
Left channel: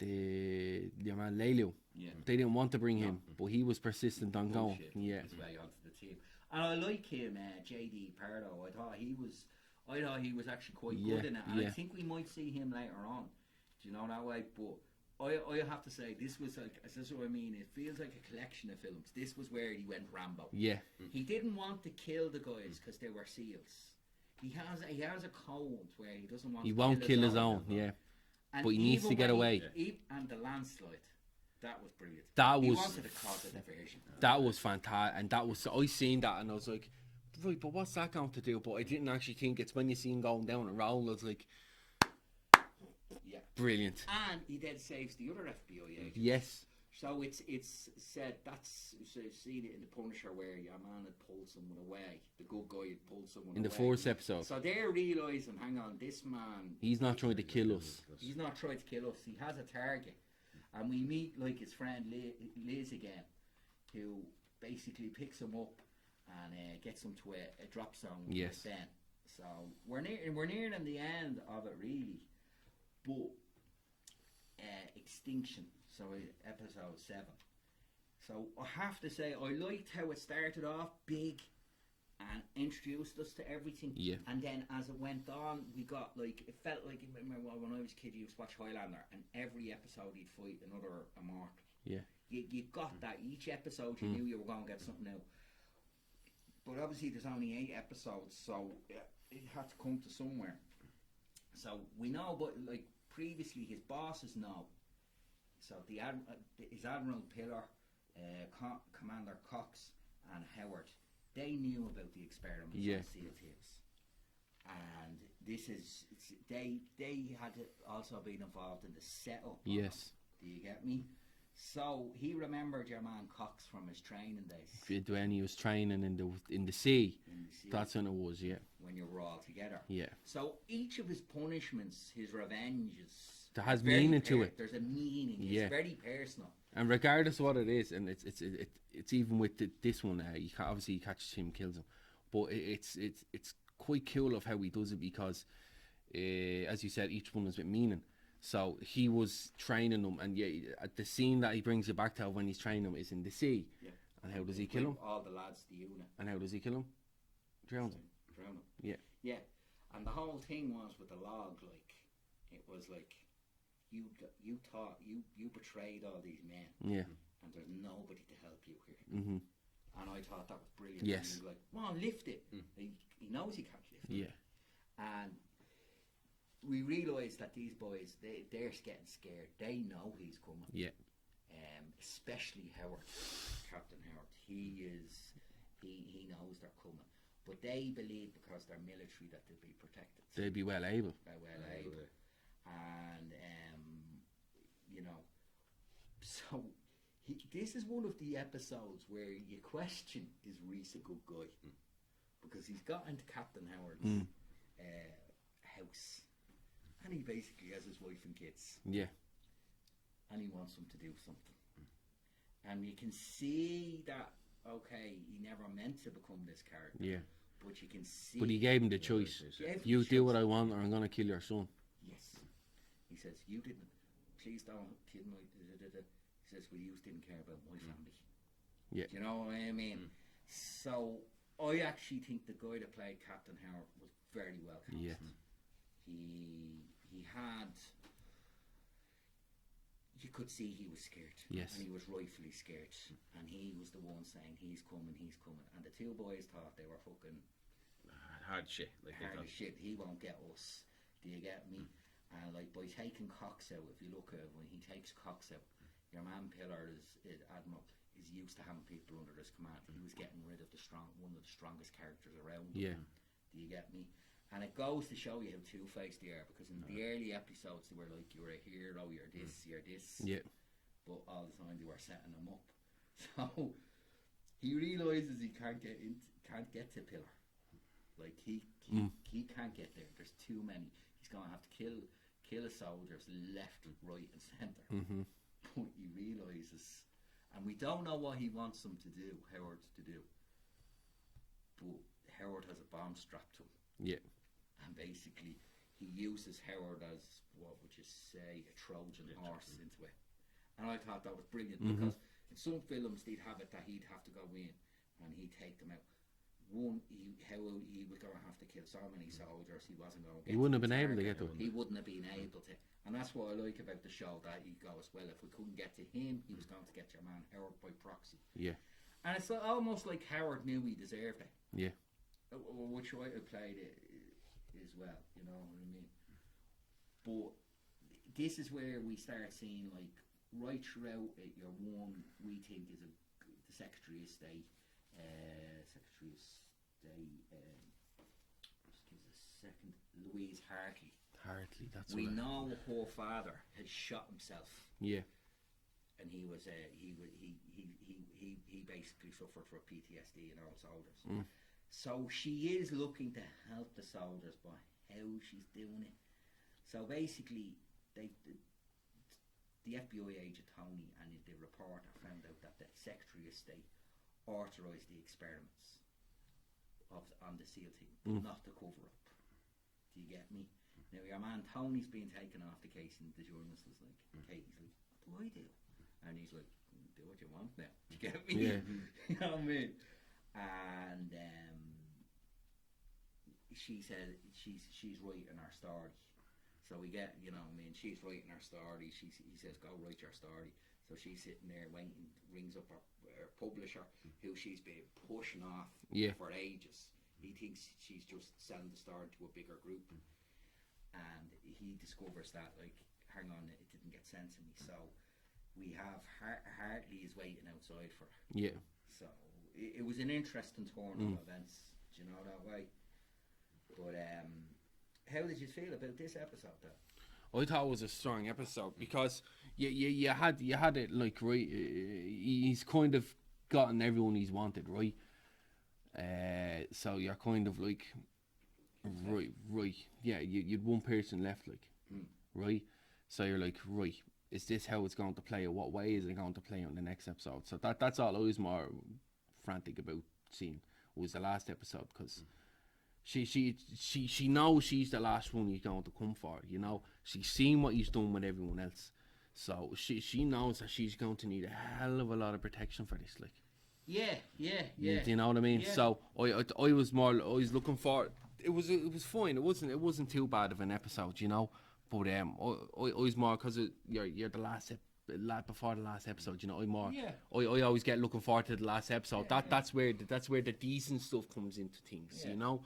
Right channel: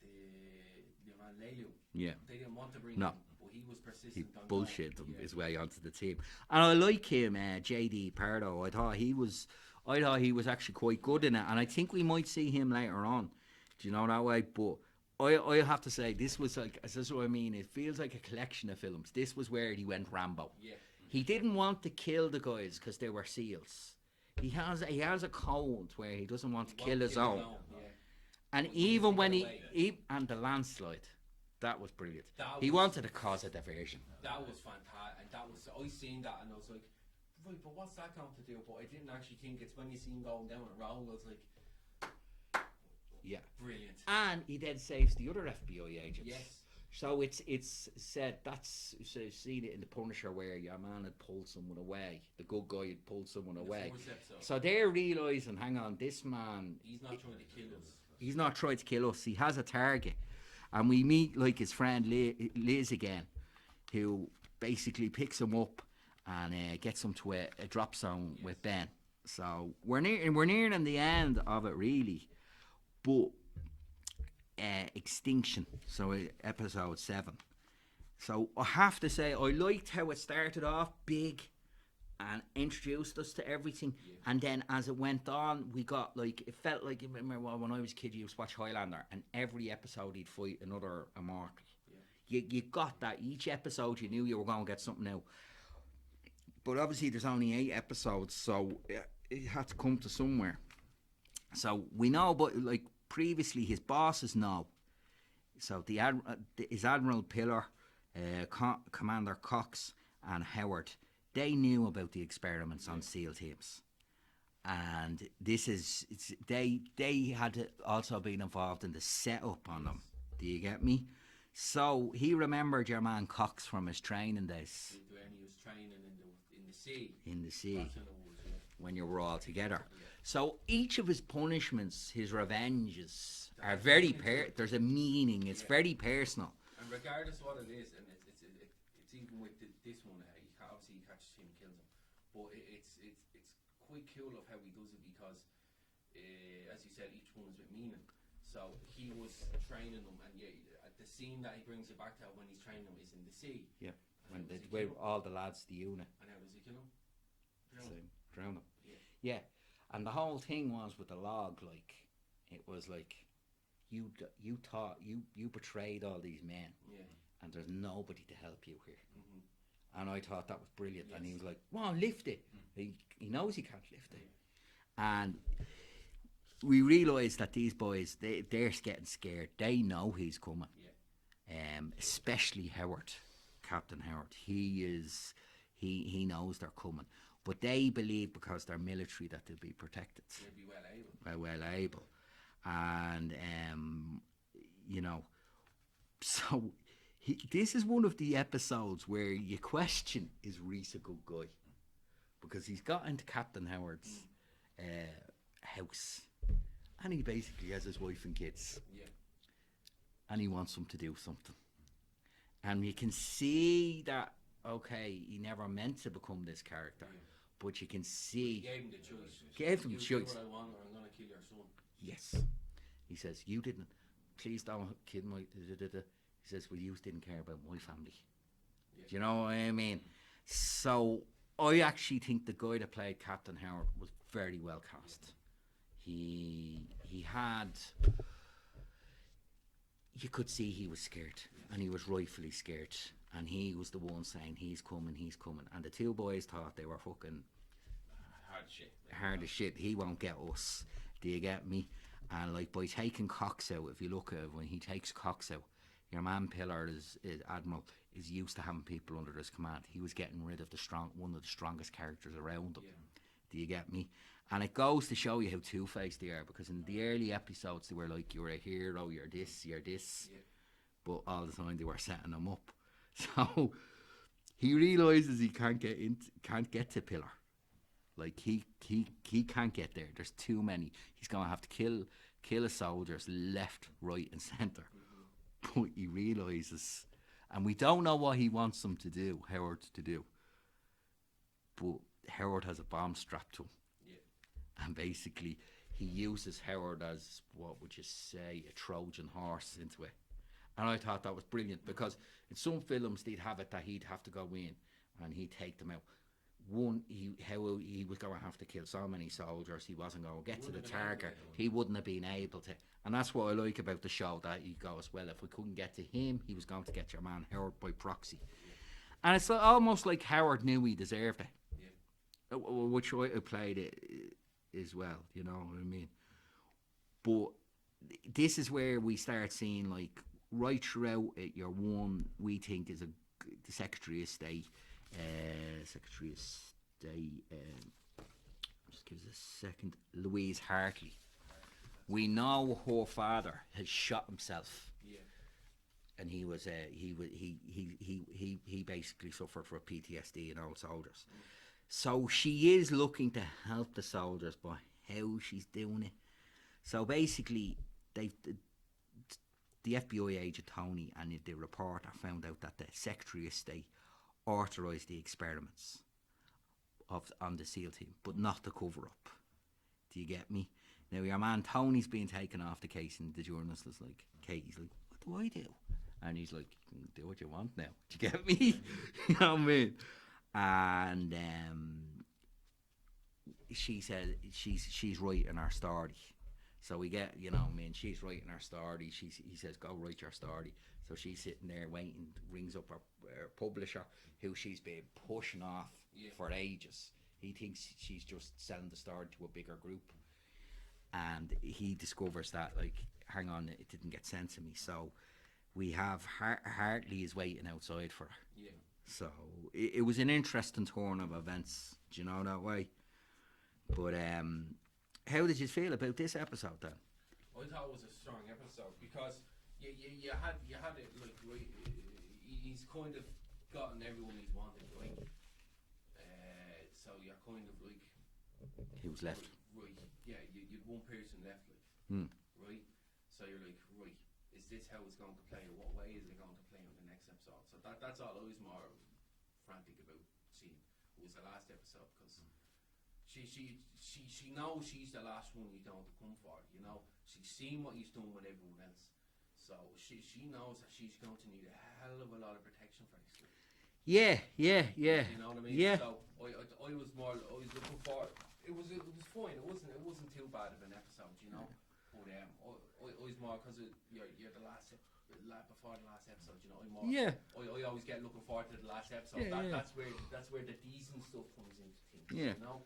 your man Laiu. Yeah. They didn't want to bring him, but he was persistent on going. Bullshit his way onto the team, and I like him, JD Pardo. I thought he was actually quite good in it, and I think we might see him later on. Do you know that way? But I have to say, this was like, this is what I mean. It feels like a collection of films. This was where he went Rambo. Yeah. He didn't want to kill the guys because they were SEALs. He has a code where he doesn't want to won't kill kill his own. Yeah. And But he needs even to when get away. and the landslide, that was brilliant. He wanted to cause a diversion. That was fantastic, and that was, I seen that, and I was like, right, but what's that going to do? But I didn't actually think it's when you see him going down and roll. I was like, Yeah. brilliant. And he then saves the other FBI agent. Yes. So it's said that's so you've seen it in the Punisher where your man had pulled someone away, the good guy had pulled someone In the away. fourth episode, So they're realising, hang on, this man, he's not trying to kill us. he's not trying to kill us. He has a target, and we meet like his friend Liz again, who basically picks him up and gets him to a drop zone Yes. with Ben. So we're nearing the end of it really, but Extinction. So episode 7. So I have to say I liked how it started off big and introduced us to everything. Yeah. And then as it went on, we got like it felt like remember when I was a kid, you used to watch Highlander, and every episode he'd fight another immortal. Yeah. You got that each episode. You knew you were going to get something out. But obviously, there's only 8 episodes, so it had to come to somewhere. So we know, but like previously, his bosses know. So his Admiral Pillar, Commander Cox, and Howard, they knew about the experiments on SEAL teams, and they had also been involved in the setup on them. Do you get me? So he remembered your man Cox from his training days. When he was training in the sea. In the sea. That's when it was, yeah. When you were all together. Yeah. So each of his punishments, his revenges, There has very meaning to it. There's a meaning. It's Yeah. very personal. And regardless of what it is, and it's even with this one, obviously he catches him, kills him, but it's quite cool of how he does it because, as you said, each one was with meaning. So he was training them, and at the scene that he brings you back to when he's training them is in the sea. Yeah. And how does he kill him? All the lads, the unit. And how does he kill him? Drown him. Drown him. Yeah. Yeah. And the whole thing was with the log, like, it was like, you betrayed all these men, Yeah. and there's nobody to help you here. Mhm. And I thought that was brilliant. Yes. And he was like, "Come on, lift it." He knows he can't lift it. Yeah. And we realised that these boys, they're getting scared. They know he's coming. Yeah. Especially Howard, Captain Howard. He knows they're coming. But they believe because they're military that they'll be protected. They'd be well able. Well able. And, you know, so this is one of the episodes where you question, is Reese a good guy? Because he's got into Captain Howard's house, and he basically has his wife and kids, Yeah. and he wants them to do something. And you can see that, okay, he never meant to become this character. Yeah. But you can see... But he gave him the choice. Gave him You the do choice. what I want, or I'm gonna kill your son. Yes. He says, you didn't. Please don't kill my... He says, well, you didn't care about my family. Yeah. Do you know what I mean? So, I actually think the guy that played Captain Howard was very well cast. Yeah. He had... You could see he was scared. Yes. And he was rightfully scared. And he was the one saying, he's coming. And the two boys thought they were fucking... Hard shit. Like, hard as shit. He won't get us. Do you get me? And like by taking Cox out, if you look at it, when he takes Cox out, your man Pillar is Admiral is used to having people under his command. He was getting rid of one of the strongest characters around him. Yeah. Do you get me? And it goes to show you how two-faced they are, because in the early episodes they were like, you're a hero, you're this. Yeah. But all the time they were setting him up. So he realises he can't get to Pillar. Like he can't get there. There's too many. He's gonna have to kill his soldiers left, right, and center. But he realizes, and we don't know what he wants them to do, Howard to do. But Howard has a bomb strapped to him, Yeah. and basically he uses Howard as, what would you say, a Trojan horse into it. And I thought that was brilliant, because in some films they'd have it that he'd have to go in and he'd take them out. How he was going to have to kill so many soldiers, he wasn't going to get. He wouldn't to the have been able to target. get to them. He wouldn't have been able to, and that's what I like about the show. That he goes, well, if we couldn't get to him, he was going to get your man Howard by proxy. Yeah. And it's almost like Howard knew he deserved it. Yeah. Which I played it as well. You know what I mean? But this is where we start seeing, like, right throughout it, your one we think is the Secretary of State. Just give us a second. Louise Hartley. That's We right. know her father has shot himself. Yeah. and he was he basically suffered from PTSD and old soldiers. So she is looking to help the soldiers, but how she's doing it. So basically, the FBI agent Tony and the reporter found out that the Secretary of State authorised the experiments on the SEAL team, but not the cover up. Do you get me? Now your man Tony's being taken off the case, and the journalist is like, Katie's like, what do I do? And he's like, do what you want now. Do you get me? Yeah. You know what I mean? And she said she's writing her story. So we get, you know, I mean, she's writing her story. He says, go write your story. So she's sitting there waiting, rings up her publisher, who she's been pushing off for ages. He thinks she's just selling the story to a bigger group. And he discovers that, like, hang on, it didn't get sent to me. So we have Hartley is waiting outside for her. Yeah. So it was an interesting turn of events, do you know that way? But how did you feel about this episode then? I thought it was a strong episode because you had it like right. He's kind of gotten everyone he's wanted, right? So you're kind of like right. Yeah, you'd one person left, like right. So you're like, right, is this how it's going to play? Or what way is it going to play on the next episode? So that's all I was more frantic about seeing was the last episode because. She knows she's the last one he's going to come for, you know. She's seen what he's done with everyone else. So she knows that she's going to need a hell of a lot of protection for this, like. Yeah. Do you know what I mean? Yeah. So I was looking for it was fine. It wasn't too bad of an episode, you know. But I was more because you're the last before the last episode, you know. I always get looking forward to the last episode. That's where the decent stuff comes into things, you know.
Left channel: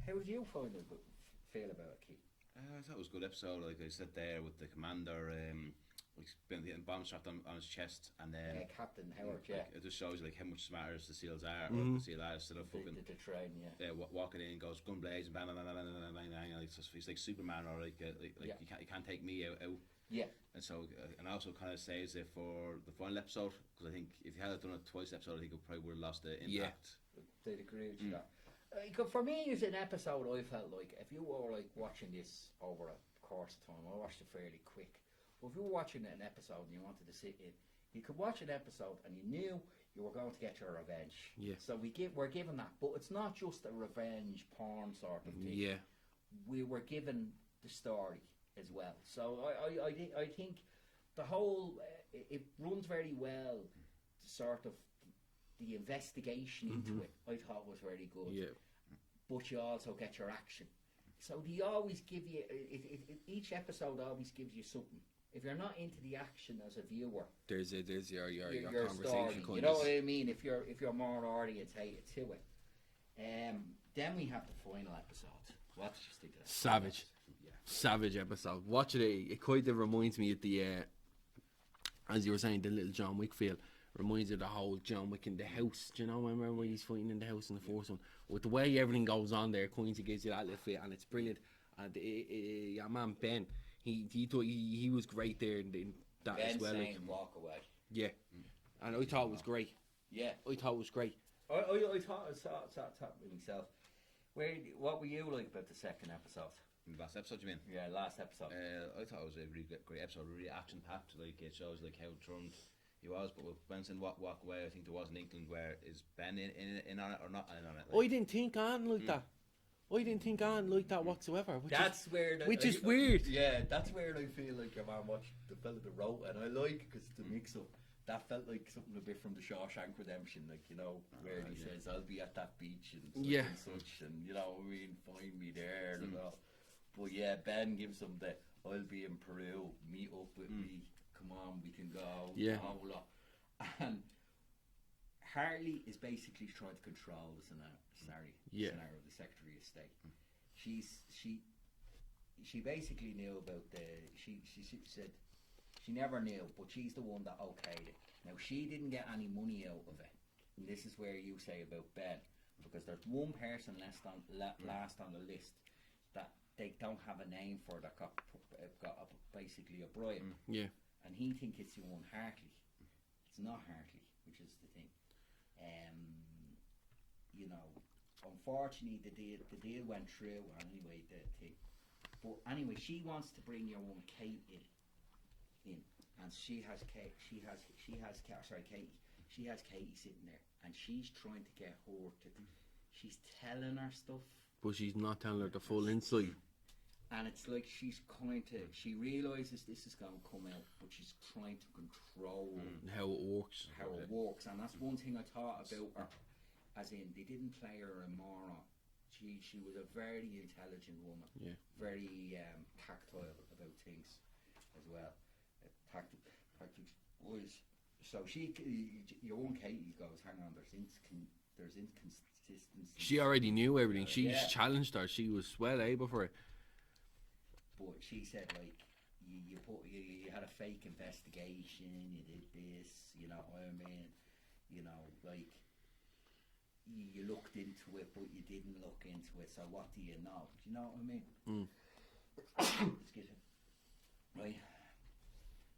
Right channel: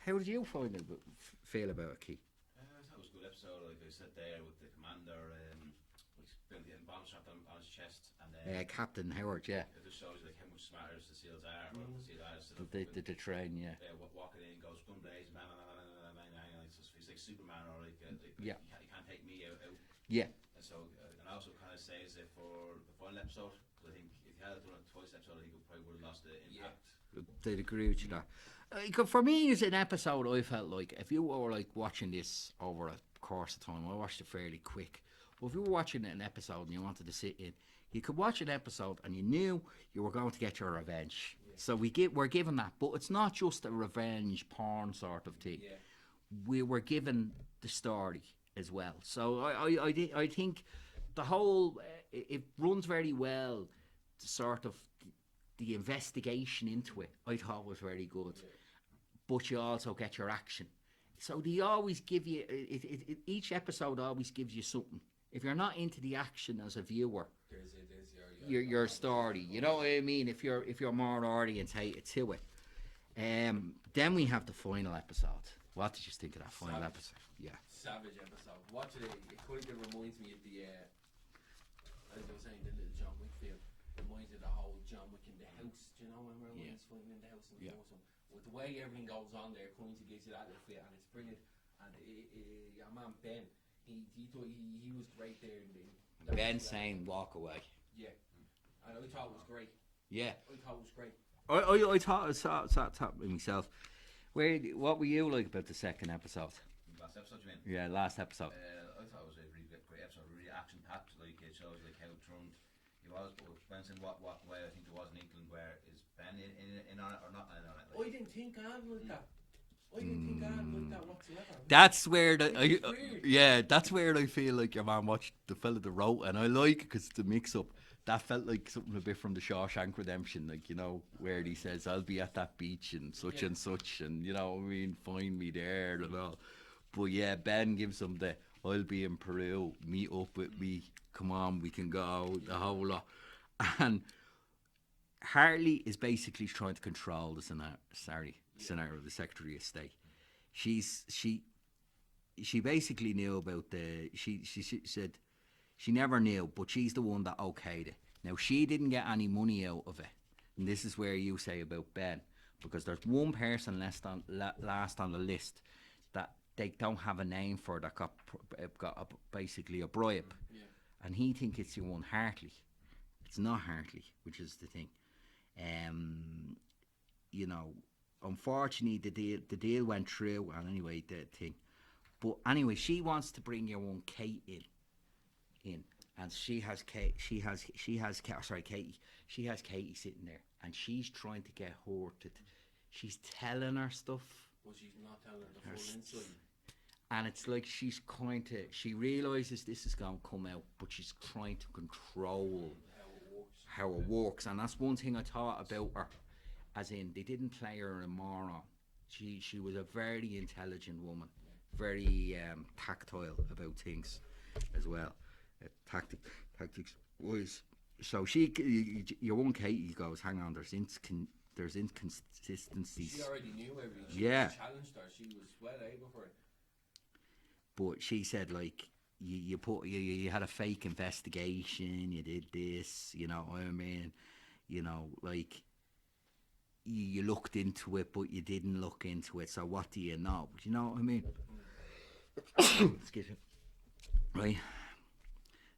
How did you feel about it, Keith? I thought it was a good episode. Like I sat there with the commander, he's been getting bomb strapped on his chest, and Captain Howard, yeah. It just shows you like how much smarter the SEALs are, or the SEAL are instead of the train, yeah. Walking in, goes gun blazing, bang, bang, bang, bang, bang, bang, bang, like, he's like Superman, or like you can't take me out. Yeah. And so, and also kind of saves it for the final episode, because I think if you had done it twice episode, I think it probably would have lost the impact. They'd agree with you there. For me, as an episode, I felt like if you were like watching this over a course of time, I watched it fairly quick. But if you were watching an episode and you wanted to sit in, you could watch an episode and you knew you were going to get your revenge. Yeah. So we're given that, but it's not just a revenge porn sort of thing. Yeah. We were given the story as well. So I think the whole it runs very well. Sort of the investigation into it, I thought was very good. Yeah. But you also get your action. So they always give you each episode always gives you something. If you're not into the action as a viewer, there's your story. You know what I mean? If you're more orientated to it. Then we have the final episode. What did you think of that? Savage. Yeah. Savage Episode. Watching it kind of reminds me of the as you were saying, the little John Wick feel. Reminds you of the whole John Wick in the house. Do you know? Remember when he's fighting in the house in the first one? With the way everything goes on there, kind of gives you that little feel, and it's brilliant. And your man Ben, he was great there in that Ben as well. saying walk away. Yeah, and I thought it was great. Yeah, I thought it was great. I thought I saw with myself. What were you like about the second episode? Last episode, you mean? Yeah, last episode. I thought it was a really great episode, really action packed. Like it shows like how turned he was, but with Benson, what way I think there was in England, where is Ben in on it or not in on it? Like, I didn't think on like that. I didn't think on like that whatsoever. That's where which is weird. Yeah, that's where I feel like your man watched the fella that wrote, and I like because the mix up. That felt like something a bit from the Shawshank Redemption, like, you know, where he says, "I'll be at that beach and such and such," and you know, I mean, find me there and all. But yeah, Ben gives him the, "I'll be in Peru, meet up with me. Come on, we can go." The whole lot. And Hartley is basically trying to control the scenario of the Secretary of State. She basically knew about she said she never knew, but she's the one that okayed it. Now she didn't get any money out of it, and this is where you say about Ben, because there's one person last on the list that they don't have a name for that got basically a bribe. Yeah. and he think it's your one Hartley. It's not Hartley, which is the thing. You know, unfortunately, the deal went through, and anyway, the thing. But anyway, she wants to bring your one Kate in, and she has Katie sitting there, and she's trying to get her to. She's telling her stuff, But she's not telling her the full inside. and it's like she realizes this is going to come out, but she's trying to control How it works. and that's one thing I thought about her, as in they didn't play her a moron. She was a very intelligent woman, Yeah. very tactile about things as well, tactics wise. So your one Katie goes, hang on, there's inconsistencies. She already knew everything. She Yeah. challenged her. She was well able for it. But she said, like, you had a fake investigation, you did this, you know what I mean? You know, like, you looked into it, but you didn't look into it, so what do you know? You know what I mean? Excuse me. Right?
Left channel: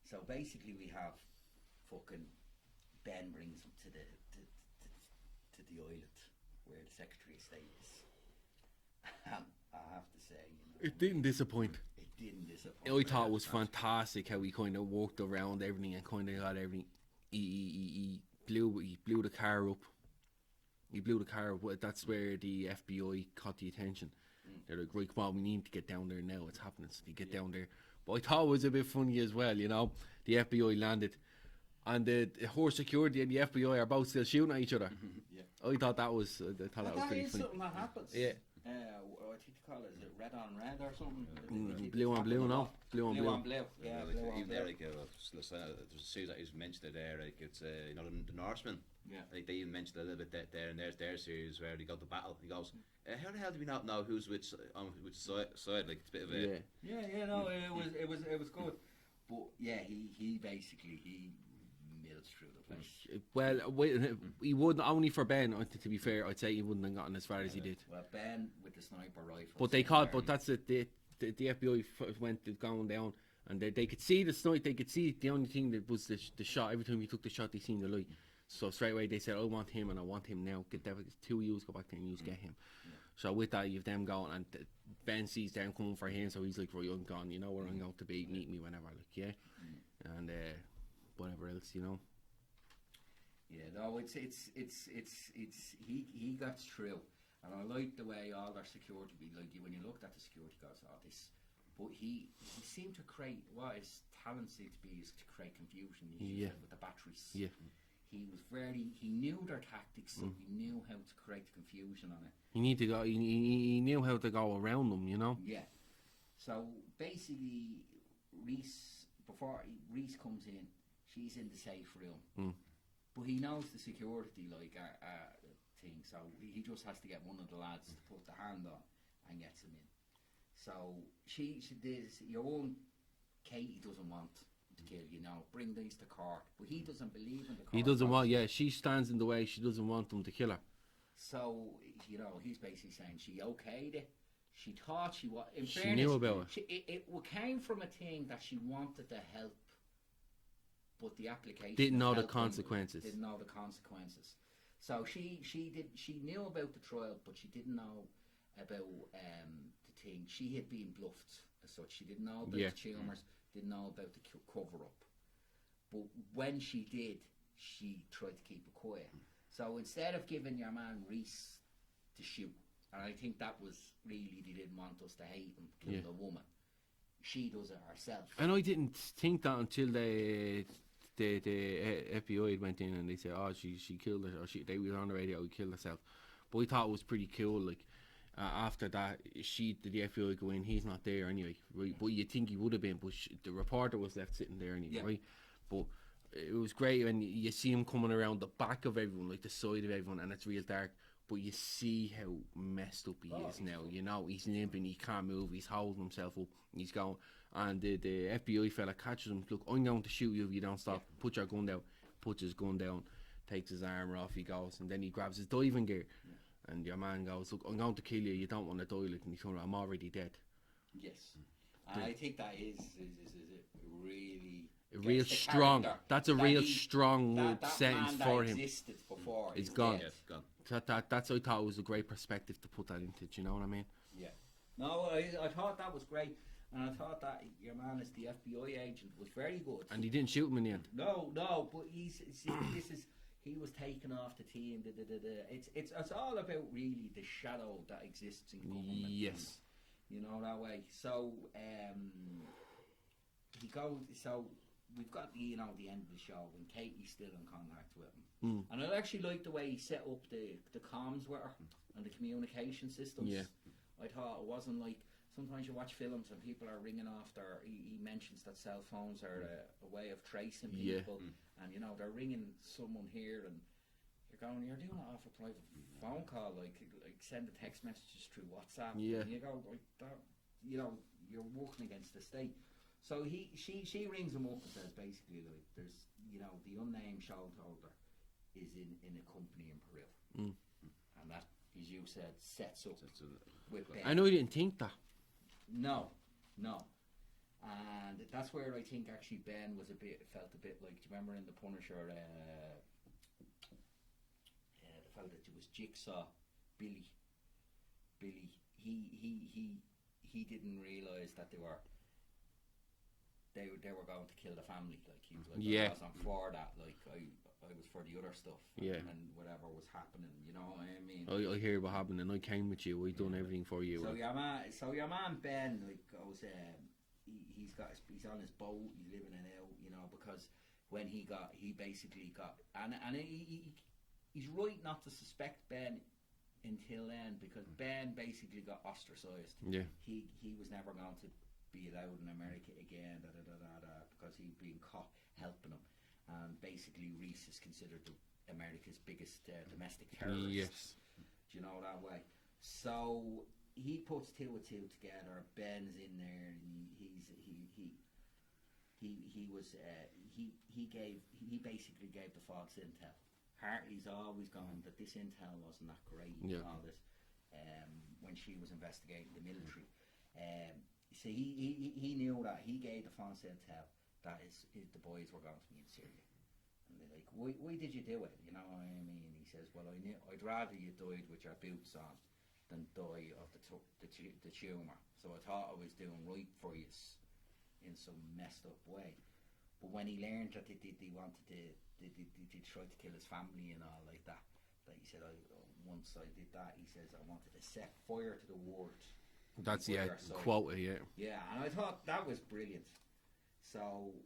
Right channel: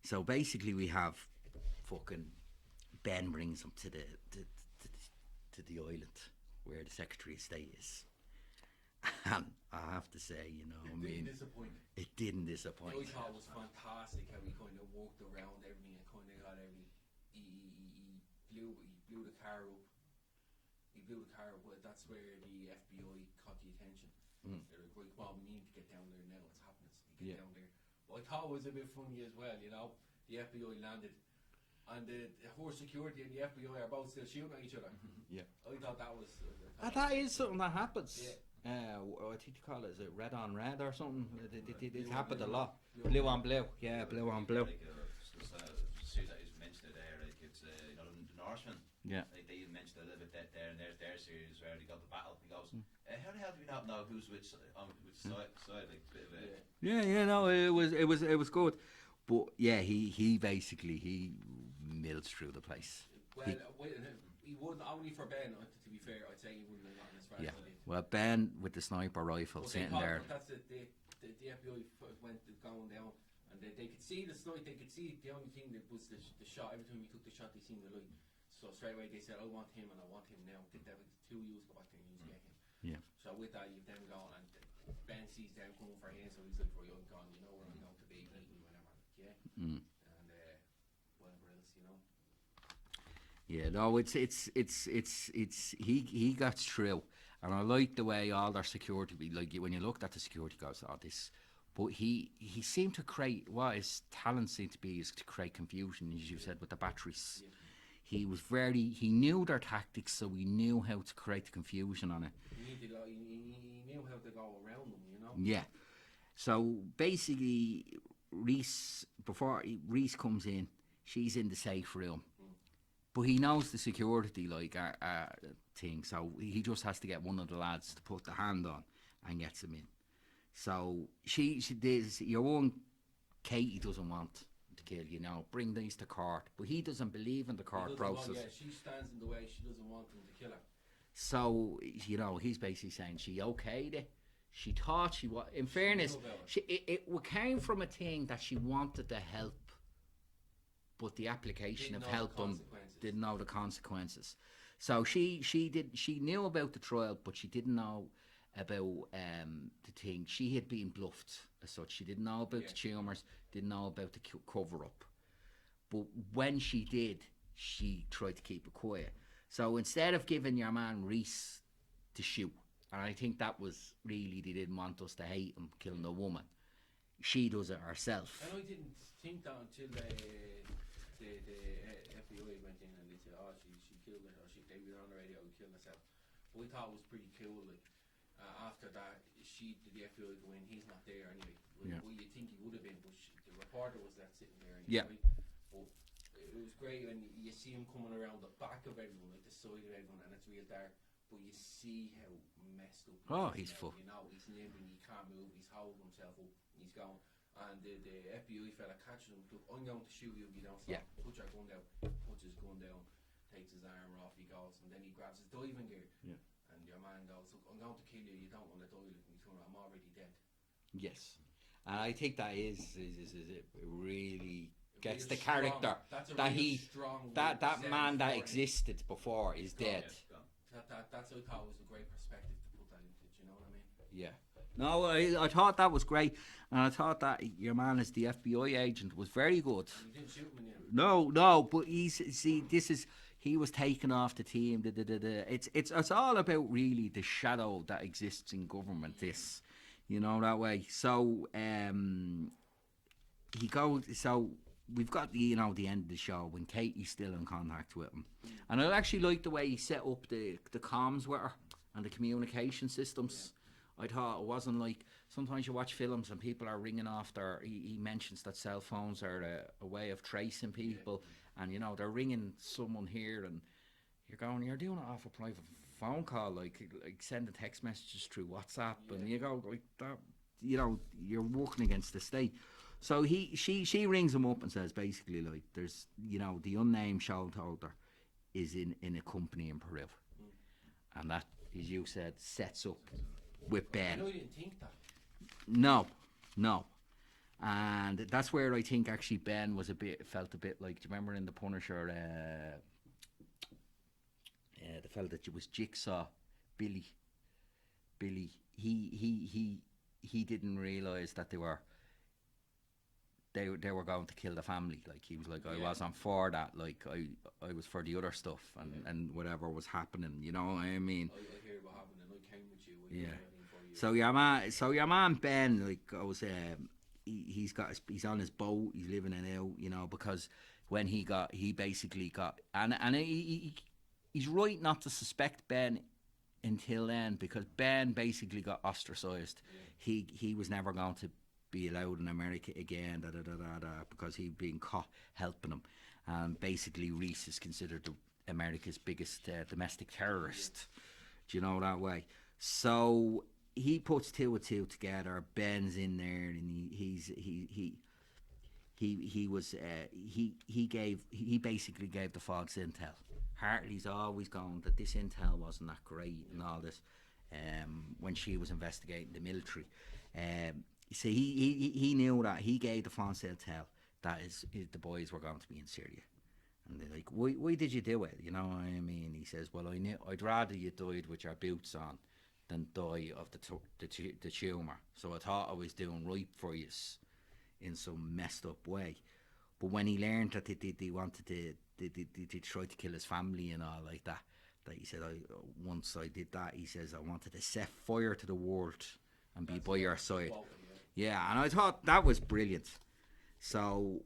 So basically we have fucking Ben brings them to the island where the Secretary of State is. And I have to say, you know, It didn't disappoint. it didn't disappoint. I thought it was fantastic how he kind of walked around everything and kind of got everything. He blew the car up. He blew the car up. That's where the FBI caught the attention. They're like, right, come on, we need to get down there now. It's happening. So they get down there. But I thought it was a bit funny as well, you know. The FBI landed, and the horse security and the FBI are both still shooting at each other. Yeah. I thought that was. That pretty is funny. something that happens. Yeah. I think they call it, is it red on red or something? Blue on blue, no? Blue on Blue blue. on blue. Yeah, blue on blue. Like, Sue that he's mentioned it there, like it's you know the Norsemen. Yeah. Like they even mentioned a little bit there in their series where they go to battle. He goes, how the hell do we not know who's which side? Like it's a bit of a Yeah, no, it was good. But yeah, he basically milled through the place. Well, he wouldn't only for Ben. To be fair, I'd say he wouldn't have gotten as far as he did. Well, Ben with the sniper rifle. But they sitting caught. there. But that's it. The FBI went going down, and they could see the snipe. They could see the only thing that was the shot. Every time he took the shot, they seen the light. So straight away they said, "I want him, and I want him now. Get that two of you go back there and you get him." Yeah. So with that, you've them going, and Ben sees them coming for him, so he's like, "Right, I'm gone. You know where I'm going to be. Meet me whenever." Like, yeah, and whatever else, you know. Yeah, no, it's he got through, and I like the way all their security like when you looked at the security guards, but he seemed to create what his talent seemed to be is to create confusion, as you said with the batteries. Yeah. He knew their tactics, so he knew how to create the confusion on it. You need to go. He knew how to go around them, you know. Yeah. So basically, Reese comes in, she's in the safe room. But he knows the security thing, so he just has to get one of the lads to put the hand on and gets him in. So she does. Your own Katie doesn't want to kill you now. Bring these to court, but he doesn't believe in the court. He doesn't want. process. Yeah, she stands in the way. She doesn't want them to kill her. So he's basically saying she okayed it. She thought she was. In She fairness, knew about it. it came from a thing that she wanted to help, but the application Didn't know the helping consequences. Didn't know the consequences. So she knew about the trial, but she didn't know about the thing. She had been bluffed as such. She didn't know about Yeah. the tumours. Didn't know about the cover up. But when she did, she tried to keep it quiet. So instead of giving your man Reese to shoot, and I think that was really, they didn't want us to hate him killing a woman. She does it herself. And I didn't think that until the FBI went in and they said, "Oh, she killed her." Or they were on the radio, "She killed herself." But we thought it was pretty cool. Like after that, the FBI go in. He's not there anyway, right? Yeah. But you think he would have been, but the reporter was left sitting there anyway, Yeah. right? But it was great when you see him coming around the back of everyone, like the side of everyone, and it's real dark. But you see how messed up he is now. fucked. You know, he's limping, he can't move, he's holding himself up, he's going. And the FBI fella catches him. Look, I'm going to shoot you if you don't stop. Yeah. Put your gun down. Puts his gun down, takes his armor off. He goes, and then he grabs his diving gear. Yeah. And your man goes, "Look, I'm going to kill you. You don't want to die." Like, and he's going, "I'm already dead." Yes. And I think that is it really gets real the strong. character That's a that real he- strong that sentence man that for him. existed before He's is gone. dead. Yeah, gone. That's I thought was a great perspective to put that into. Do you know what I mean? Yeah. No, I thought that was great, and I thought that your man as the FBI agent was very good. And he didn't shoot him in the end. No, but this is he was taken off the team. It's all about really the shadow that exists in government. Yeah. This, you know, that way. So he goes. So we've got the end of the show when Katie's still in contact with him, and I actually like the way he set up the comms with her and the communication systems. Yeah. I thought it wasn't like sometimes you watch films and people are ringing off their. He mentions that cell phones are a way of tracing Yeah. people, and they're ringing someone here, and you're doing it off a private phone call, like sending text messages through WhatsApp, Yeah. and you go like that. You're working against the state. So she rings him up and says basically like there's the unnamed shareholder is in a company in Peru, and that, as you said, sets up with Ben. I know you didn't think that. No, and that's where I think actually Ben felt a bit like. Do you remember in the Punisher, the fella that was Jigsaw, Billy? He didn't realise that they were going to kill the family. Like he was like, Yeah. I wasn't for that. Like I was for the other stuff and, Yeah. and whatever was happening. You know what I mean? I hear what happened, and I came with you. I done Yeah. everything for you. So your man Ben like goes, he's on his boat, he's living it out, because when he basically got and he's right not to suspect Ben until then, because Ben basically got ostracized. Yeah. He was never going to be allowed in America again, because he'd been caught helping him. Basically, Reese is considered America's biggest domestic terrorist. Yes. Do you know that way? So he puts two and two together. Ben's in there, and he basically gave the false intel. Hartley's always going that this intel wasn't that great and all this. When she was investigating the military, so he knew that he gave the false intel that is the boys were going to be in Syria. And they're like, why did you do it? You know what I mean? He says, well, I knew I'd rather you died with your boots on than die of the tumour. So I thought I was doing right for you in some messed up way. But when he learned that they wanted they tried to kill his family and all like that he said, once I did that, he says, I wanted to set fire to the world and That's be by your side. quote, yeah. Yeah, and I thought that was brilliant. So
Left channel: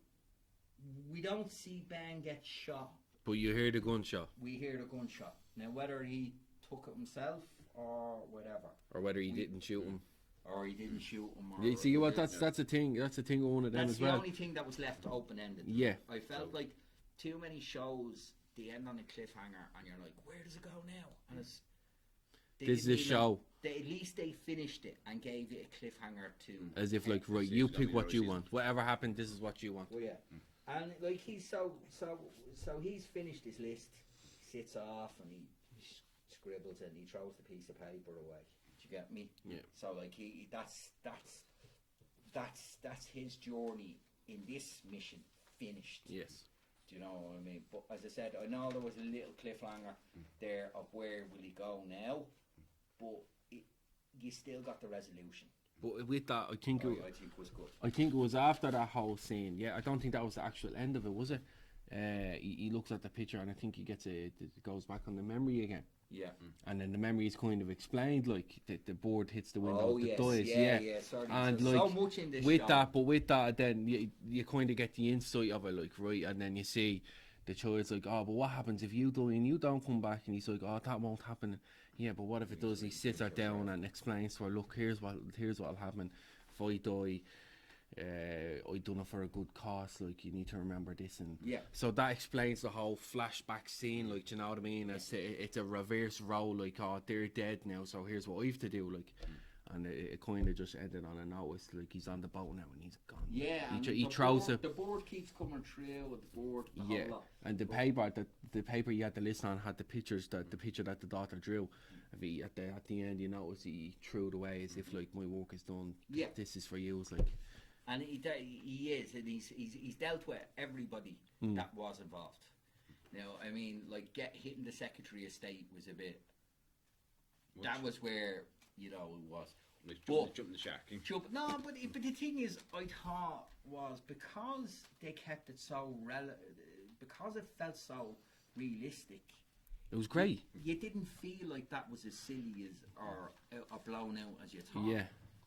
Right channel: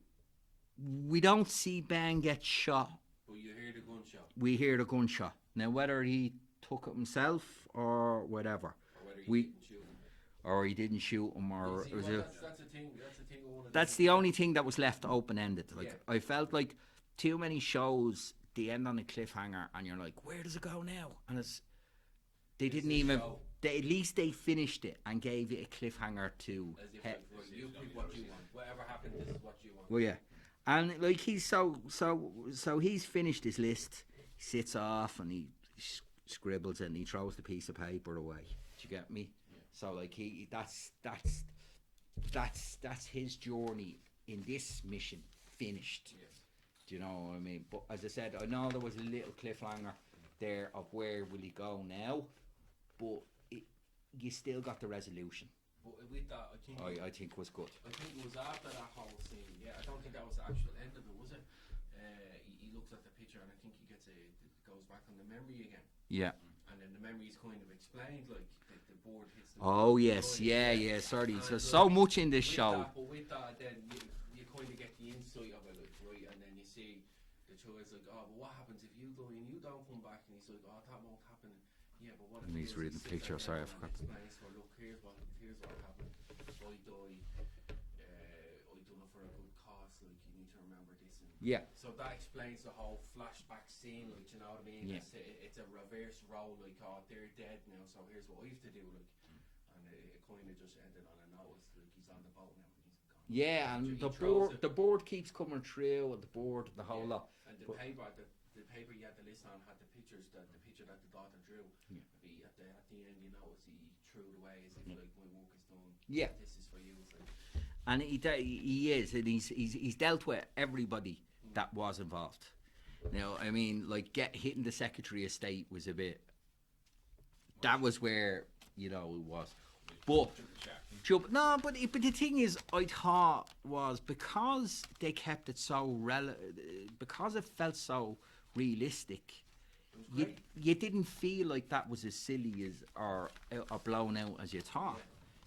we don't see Ben get shot. But you hear the gunshot, We hear the gunshot. Now, whether he took it himself or whatever, or whether he didn't shoot him. or he didn't shoot him, or You see what? was it- That's the thing. That's the thing. I wanted. that's the only thing that was left open ended. Yeah. I felt like too many shows they end on a cliffhanger, and you're like, where does it go now? And it's they This didn't is a even. show. At least they finished it and gave it a cliffhanger to. As if like, right, you pick what you want. Whatever happened, this is what you want. Well, yeah, and like he's so he's finished his list. He sits off and he scribbles it and he throws the piece of paper away. Do you get me? Yeah. So like that's his journey in this mission finished. Yes. Do you know what I mean? But as I said, I know there was a little cliffhanger there of where will he go now, but you still got the resolution. But with that, I think I think was good. I think it was after that whole scene. Yeah, I don't think that was the actual end of it, was it? He looks at the picture and I think he gets it goes back on the memory again. Yeah. And then the memory is kind of explained, like the board hits the Oh window, yes, dies, yeah. Sorry, And, so like, much in this with show. that, but with that, then you kind of get the insight of it, like, right, and then you see the child's like, oh, but what happens if you die and you don't come back? And he's like, oh, that won't happen. Yeah, but what if And it he's does? He reading sits her pictures, down sorry. and explains to her, look, here's what'll happen if I die. I done it for a good cause, like you need to remember this, and Yeah. so that explains the whole flashback scene, like, you know what I mean? It's a reverse role, like, oh, they're dead now, so here's what I have to do, like, and it kind of just ended on a note. It's like he's on the boat now and he's gone. Yeah, and he the, throws board, it. the board keeps coming through with the board, the Yeah, whole lot. and the paper you had to listen on had the picture that the daughter drew. If he, at the end, you notice he threw it away as if like, my work is done. Yeah. This is for you. It's like, And he is, and he's dealt with everybody that was involved. Now, I mean, like hitting the Secretary of State was a bit. That was where it was. But Jump the shark. no, but the thing is, I thought was because they kept it so because it felt so realistic. It was great. You didn't feel like that was as silly as or blown out as you thought.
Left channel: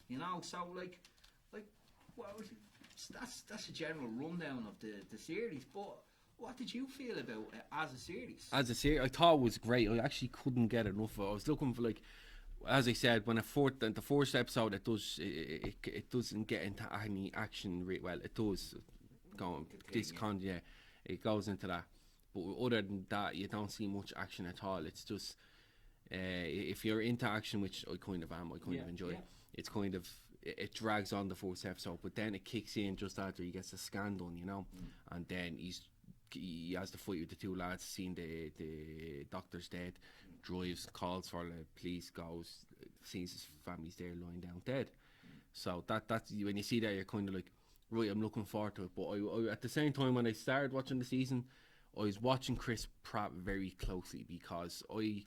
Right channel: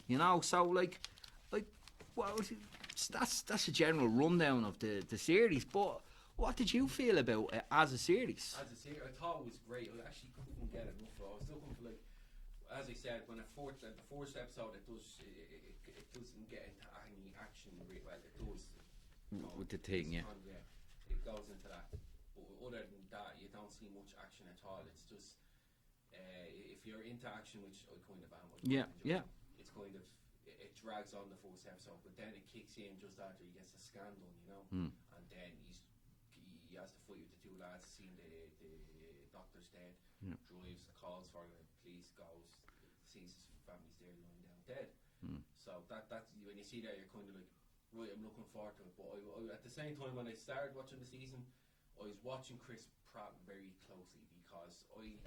Yeah. So like, well, that's a general rundown of the series. But what did you feel about it as a series? As a series, I thought it was great. I actually couldn't get enough of it. I was looking for, like, as I said, when the fourth episode, it doesn't get into any action. Well, it does. It goes into that. But other than that, you don't see much action at all. It's just if you're into action, which I kind of am, I kind of enjoy it. It's kind of it drags on the fourth episode, but then it kicks in just after he gets the scan done, and then he has the fight with the two lads, seeing the doctor's dead, drives, calls for the police, goes, sees his family's there lying down dead. So that's when you see that, you're kind of like, right, I'm looking forward to it. But I at the same time, when I started watching the season, I was watching Chris Pratt very closely because I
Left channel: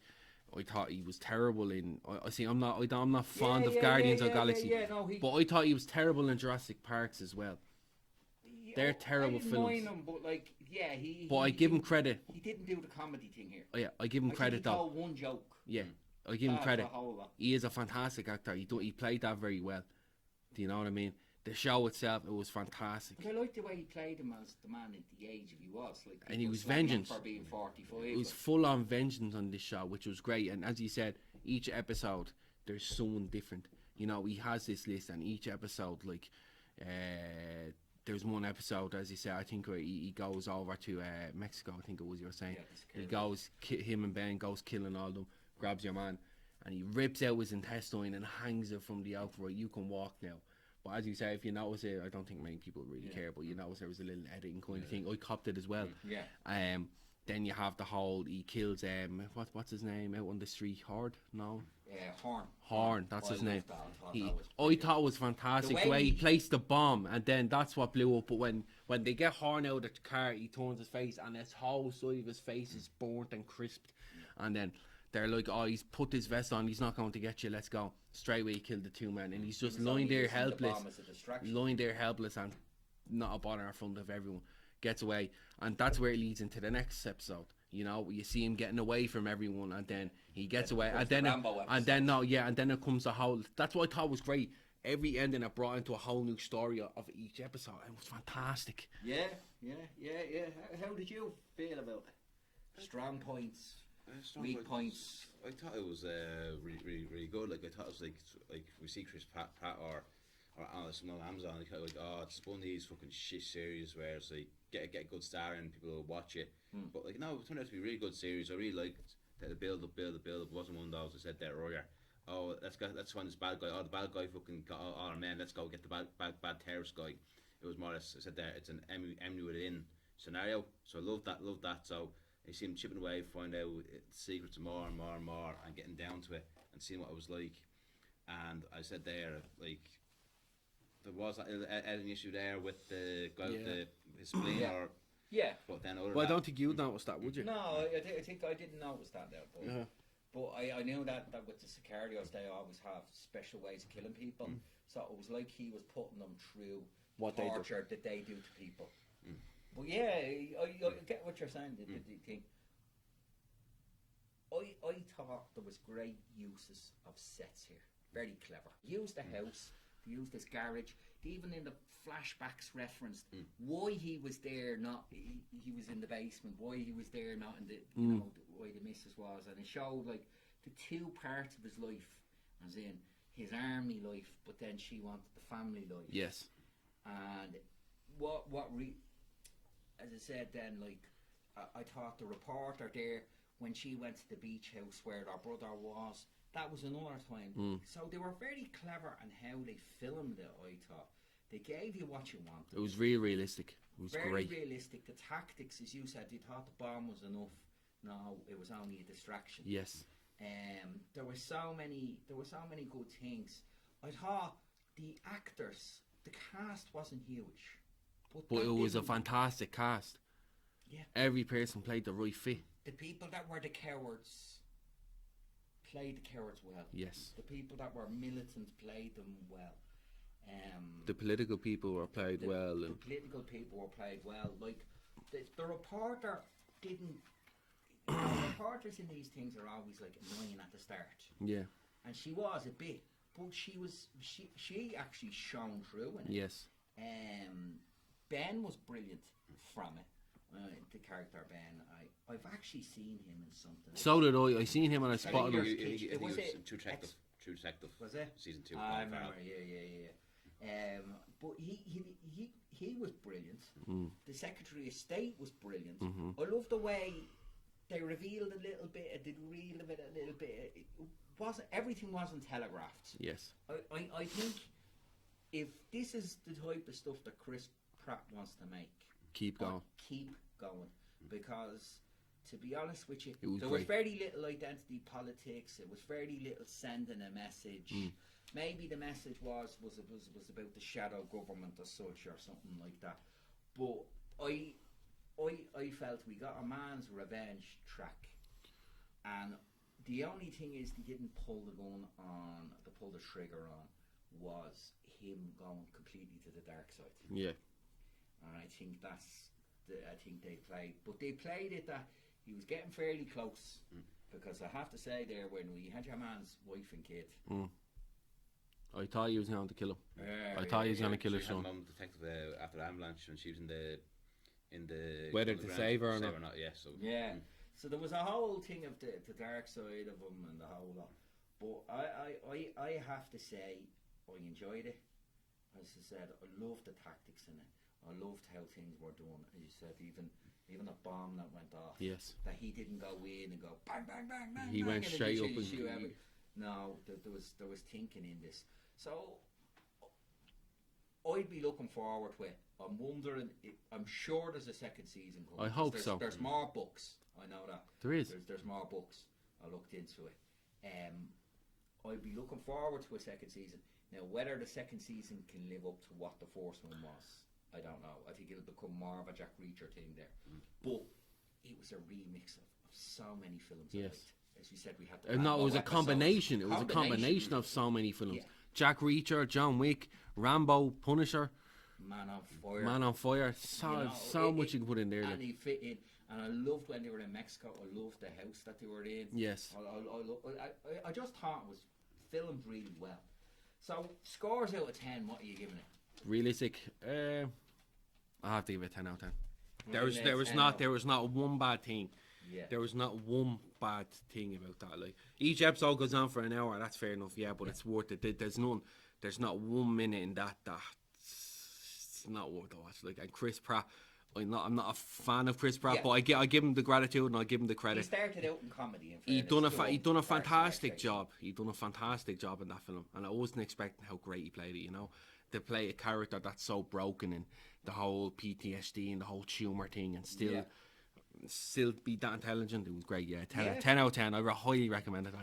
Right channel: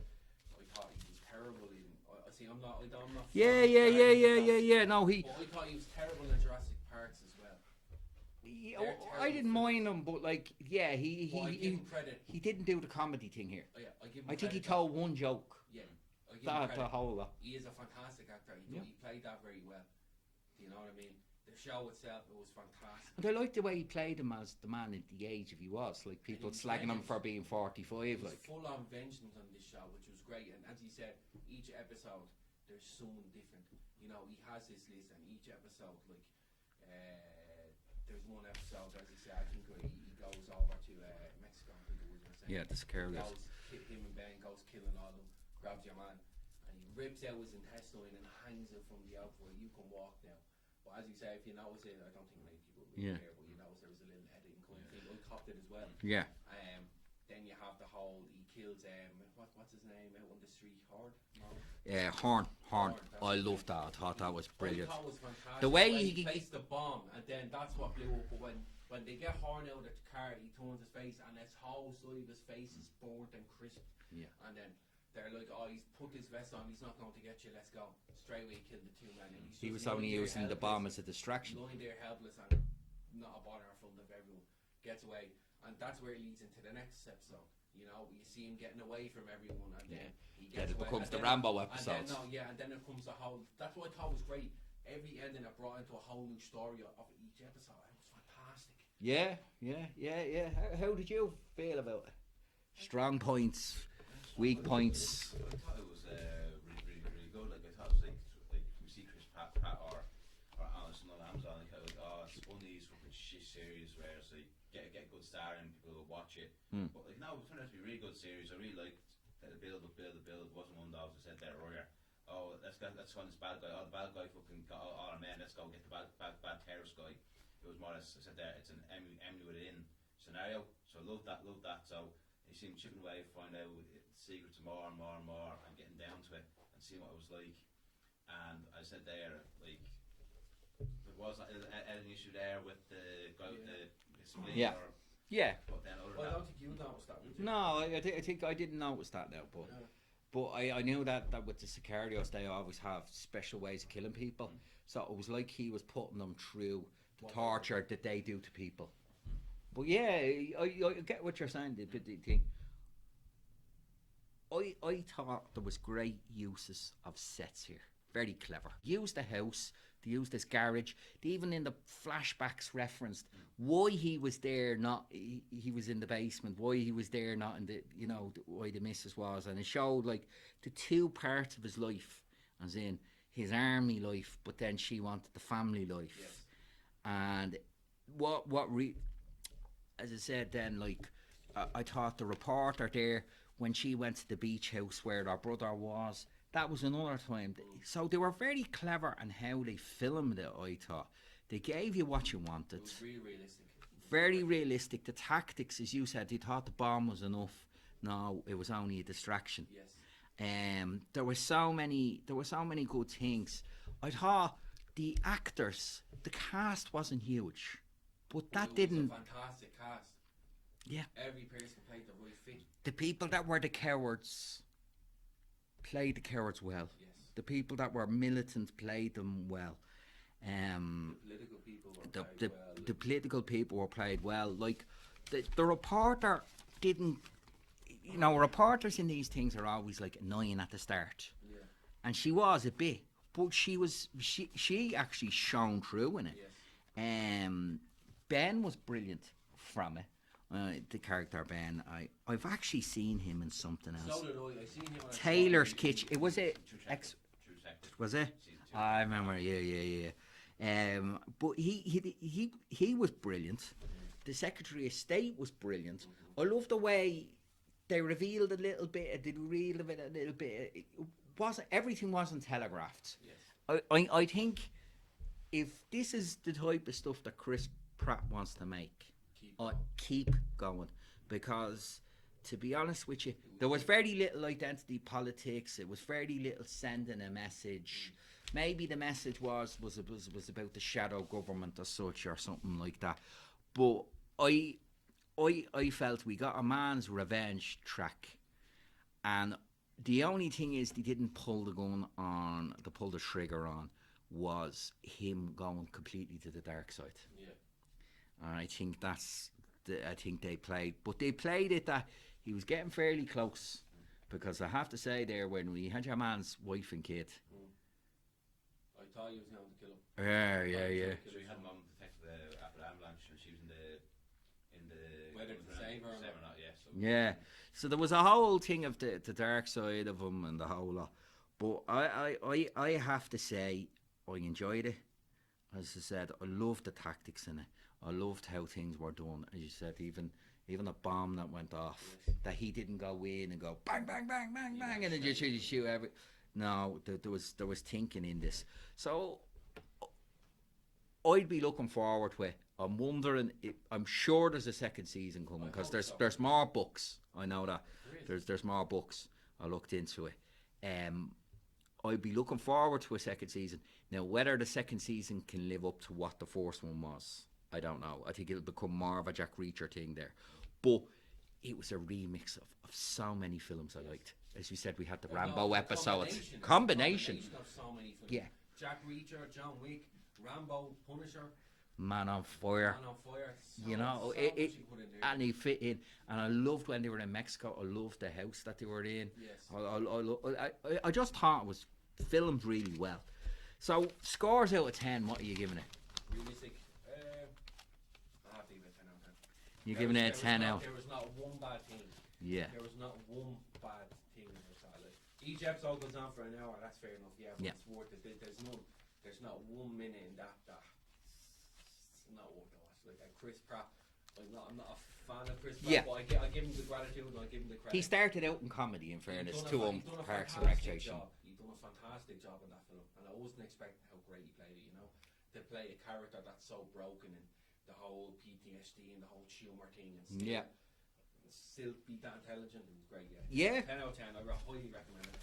thought he was terrible in. I'm not fond of Guardians of the Galaxy. No, but I thought he was terrible in Jurassic Parks as well. They're terrible I didn't films. mind him, but But I give him credit. He didn't do the comedy thing here. Oh, yeah, I give him I credit. think he told one joke. Yeah, I give him That's credit. the whole lot. He is a fantastic actor. He played that very well. Do you know what I mean? The show itself, it was fantastic. But I liked the way he played him as the man at the age of he was. Like, And he was slagging him vengeance. for being 45. It was full on vengeance on this show, which was great. And as you said, each episode there's someone different. He has this list, and each episode, like, there's one episode, as you said, I think where he goes over to Mexico. I think it was you were saying. Yeah, the Sicario. He goes, him and Ben goes killing all of them, grabs your man, and he rips out his intestine and hangs it from the outright. You can walk now. But as you say, if you notice it, I don't think many people really care, but you notice there was a little editing kind of thing. I copped it as well. Yeah. Then you have the whole, he kills, what's his name out on the street? Horde? No? Horn. That's I his loved name. that. I thought I that was brilliant. thought it was fantastic. The way he he placed the bomb, and then that's what blew up. But when they get Horn out of the car, he turns his face, and his whole side of his face is burnt and crisped. Yeah. And then they're like, oh, he's put his vest on, he's not going to get you, let's go. Straight away he killed the two men, and he's just lying there helpless. The bomb as a distraction. Lying there helpless and not a bother in front of everyone. Gets away, and that's where it leads into the next episode. You see him getting away from everyone, and then he gets away, and then it comes the whole. That's what I thought was great. Every ending it brought into a whole new story of each episode. It was fantastic. Yeah. How did you feel about it? Strong points, weak points. I thought it was really good. Like, I thought it was like we see Chris Pratt or on Amazon. Like, it's one of these fucking shit series where it's like get a good star and people will watch it. But like, no, it turned out to be a really good series. I really liked the build up. It wasn't one of those I said there earlier. Oh, let's find this bad guy. Oh, the bad guy fucking got all our men. Let's go get the bad terrorist guy. It was more or less, I said there, it's an Emmy within scenario. So I love that. So you see him chipping away, find out secrets more and more and more, and getting down to it and seeing what it was like. And I said there, like, there was an issue there with the guy with the spleen but then I don't think you'd notice that, would you? No, I think I didn't notice that now, but I knew that with the Sicarios they always have special ways of killing people. So it was like he was putting them through torture that they do to people. But yeah, I get what you're saying. The thing. I thought there was great uses of sets here. Very clever. Use the house. They used this garage. They even in the flashbacks referenced why he was there. Not he was in the basement. Why he was there, not in the why the missus was, and it showed like the two parts of his life, as in his army life, but then she wanted the family life. Yes. And as I said then, like I thought the reporter there when she went to the beach house where her brother was. That was another time. So they were very clever in how they filmed it, I thought. They gave you what you wanted. It was really realistic. Very realistic. The tactics, as you said, they thought the bomb was enough. No, it was only a distraction. Yes. There were so many good things. I thought the actors the cast wasn't huge, but But that it was a didn't. fantastic cast. Yeah. Every person played the right fit. The people that were the cowards played the cowards well. Yes. The people that were militant played them well. The political people were played the, well. The political people were played well. Like the reporter didn't. You know, reporters in these things are always like annoying at the start, yeah. and she was a bit, but she actually shone through in it. Yes. Ben was brilliant from it. The character Ben, I've actually seen him in something else. So did I. I seen him on a spot. Taylor's Kitchen. It was True it. Detective. True Detective. Was it? Season 2. I remember. Yeah. But he was brilliant. The Secretary of State was brilliant. I love the way they revealed a little bit. They revealed a little bit. It wasn't everything wasn't telegraphed. Yes. I think if this is the type of stuff that Chris Pratt wants to make, Keep going. keep going, because to be honest with you, was there was great. very little identity politics. It was very little sending a message. Maybe the message was about the shadow government or such or something like that. But I felt we got a man's revenge track, and the only thing is they didn't pull the trigger on was him going completely to the dark side. Yeah. And I think I think they played it that he was getting fairly close, because I have to say there, when we had your man's wife and kid, I thought he was going to kill him. I I thought he was going to kill She his had son. mum detective after the ambulance when she was in the Whether to underground, save her or not. Yeah. So yeah. So there was a whole thing of the dark side of him and the whole lot. But I have to say I enjoyed it. As I said, I loved the tactics in it. I loved how things were done. As you said, even a bomb that went off. Yes. That he didn't go in and go bang bang bang bang He bang went and then straight just up and- shoot every. No, there was thinking in this. So I'd be looking forward to it. I'm wondering. I'm sure there's a second season coming. I 'cause hope there's, so. There's more books. I know that. There is. There's more books. I looked into it. I'd be looking forward to a second season. Now, whether the second season can live up to what the first one was, I don't know. I think it'll become more of a Jack Reacher thing there. But it was a remix of so many films I Yes. liked. As you said, we had the No, Rambo it was a episodes. combination. It was a combination of so many films. Yeah. Jack Reacher, John Wick, Rambo, Punisher, Man on Fire. Man on Fire. So, You know, so it- much you can put in there. And like. he fit in. And I loved when they were in Mexico. I loved the house that they were in. Yes. I just thought it was filmed really well. So, scores out of 10, what are you giving it? Realistic. I have to give it a 10 out of 10. You're giving it a 10 out. There was not one bad thing. Yeah. There was not one bad thing about that. Like, each episode goes on for an hour. That's fair enough. Yeah, but Yeah. it's worth it. There's none. There's not 1 minute in that's not worth the watch. Like, and Chris Pratt. I'm not a fan of Chris Pratt, Yeah. but I give him the gratitude and I give him the credit. He started out in comedy, in He fairness. done a to fa- he him, done a Parks and fantastic Recreation. job. He done a fantastic job in that film, and I wasn't expecting how great he played it. You know, to play a character that's so broken and the whole PTSD and the whole tumor thing, and still be that intelligent. It was great. Yeah, 10 out of 10. I highly recommend it.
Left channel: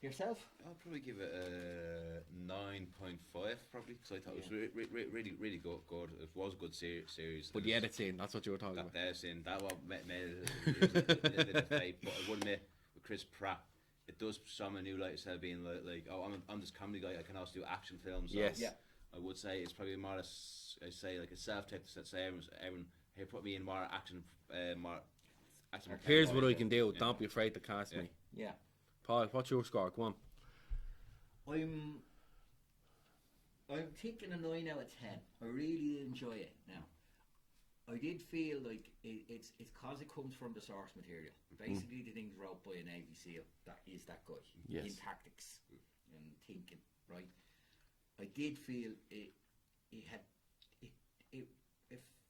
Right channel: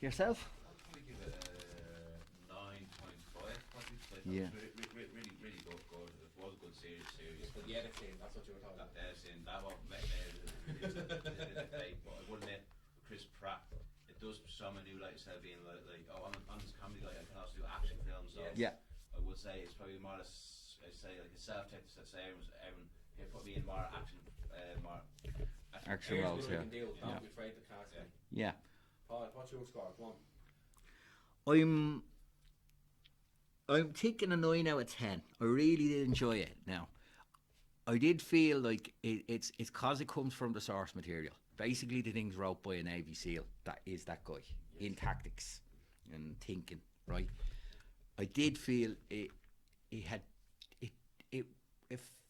Yourself? I'll probably give it a 9.5 probably. So I thought Yeah. it was really good. It was a good series. But the edit's in. That's what you were talking that about. there's in that one made it a bit of fate, but I would admit with Chris Pratt, it does some a new light instead of being like I'm this comedy guy. I can also do action films. So Yes. Yeah. I would say it's probably more or less, I say like a self-tape that say everyone here put me in more action, more. Action Here's films, what I yeah. can do. Yeah. Don't be afraid to cast Yeah. me. Yeah. Paul, what's your score? Go on. I'm taking a 9 out of 10. I really did enjoy it. Now, I did feel like it's because it comes from the source material. Basically, the things wrote by a Navy SEAL. That is that guy Yes. in tactics and thinking. Right. I did feel it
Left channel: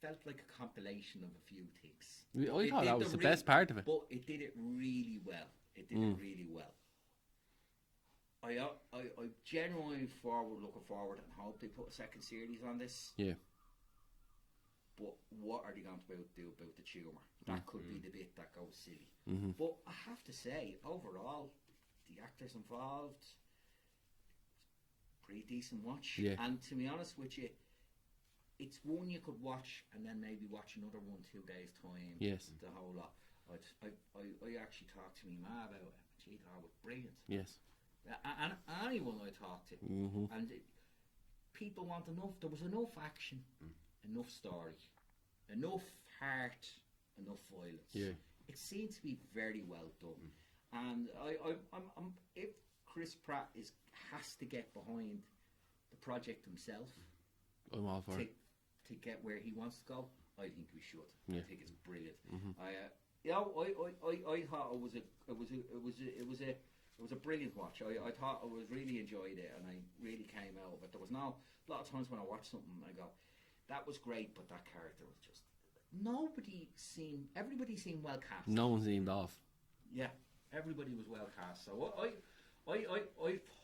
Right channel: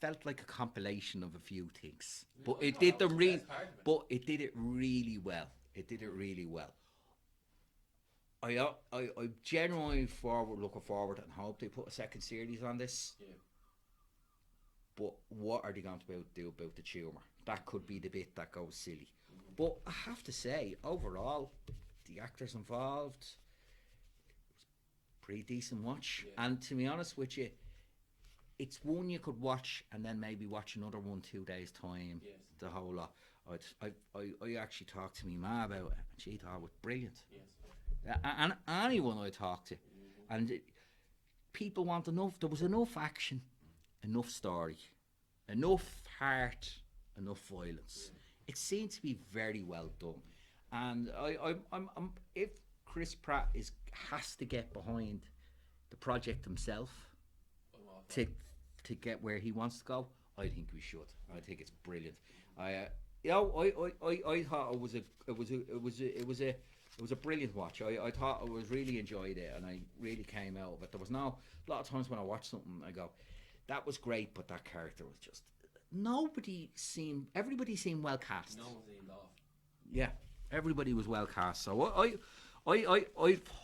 felt like a compilation of a few things. Yeah, But I it thought did that was the real- best part of it. But it did it really well. It did it really well. I genuinely looking forward and hope they put a second series on this. Yeah. But what are they going to do about the tumour? That could be the bit that goes silly. Mm-hmm. But I have to say, overall, the actors involved, pretty decent watch. Yeah. And to be honest with you, it's one you could watch and then maybe watch another one 2 days time. Yes. The whole lot. I actually talked to me ma about it. She thought it was brilliant. Yes. And anyone I talked to, and people want enough. There was enough action, enough story, enough heart, enough violence. Yeah. It seemed to be very well done. And I'm if Chris Pratt has to get behind the project himself I'm all for it. to get where he wants to go, I think we should. Yeah. I think it's brilliant. I thought it was a brilliant watch. I thought I was really enjoyed it, and I really came out of it. There was a lot of times when I watch something, I go, that was great, but that character was just everybody seemed well cast. No one seemed off. Yeah, everybody was well cast. So I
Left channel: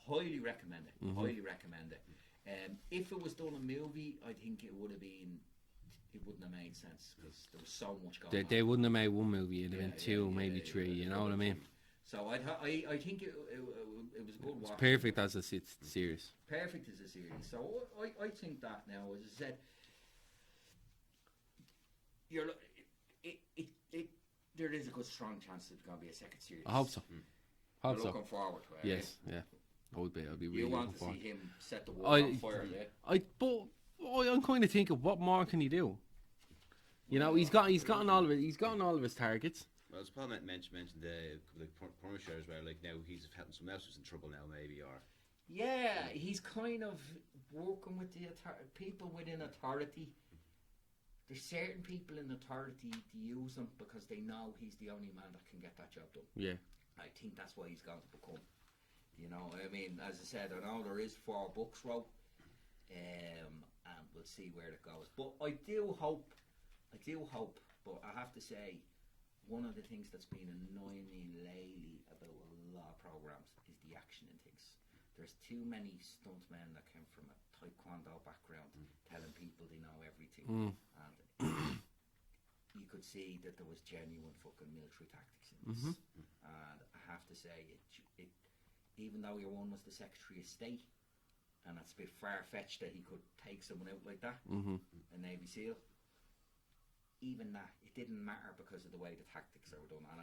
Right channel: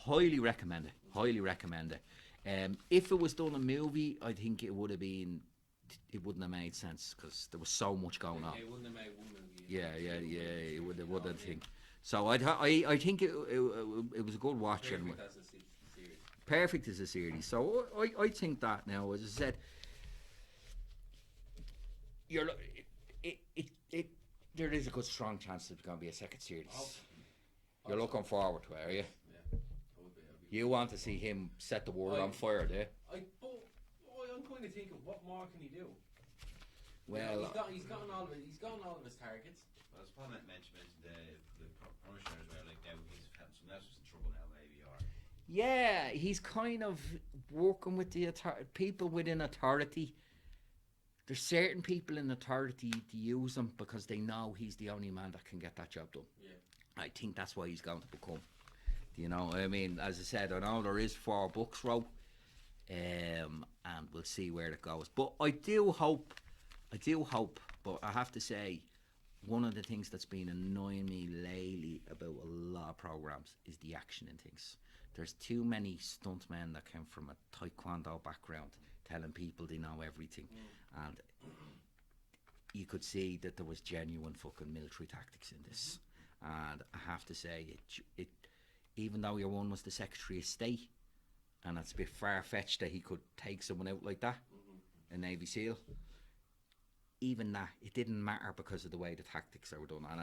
highly recommend it. Highly recommend it. If it was done a movie, I think it wouldn't have made sense because there was so much going on. They wouldn't have made one movie, and then two, maybe three. You know what I mean? So I think it was a good watch. Perfect as a series. Perfect as a series. So I think that now, as I said, there is a good strong chance there's going to be a second series. I hope so. You're looking forward to it. Yes, yeah. I would be. I'd be. You really want to looking see him set the world on fire, there? I'm kind of thinking, what more can he do? You know, he's gotten all of it. He's gotten all of his targets. Well, as Paul mentioned the Punisher as well. Like now he's having someone else who's in trouble now, maybe, or yeah, he's kind of working with the people within authority. There's certain people in authority to use him because they know he's the only man that can get that job done. Yeah. I think that's why he's going to become. You know, I mean, as I said, I know there is 4 books wrote, and we'll see where it goes. But I do hope, but I have to say, one of the things that's been annoying me lately about a lot of programs is the action in things. There's too many stuntmen that came from a taekwondo background telling people they know everything, and you could see that there was genuine fucking military tactics in this. And I have to say, it even though your one was the Secretary of State, and it's a bit far-fetched that he could take someone out like that, a Navy SEAL, even that, it didn't matter because of the way the tactics were done. And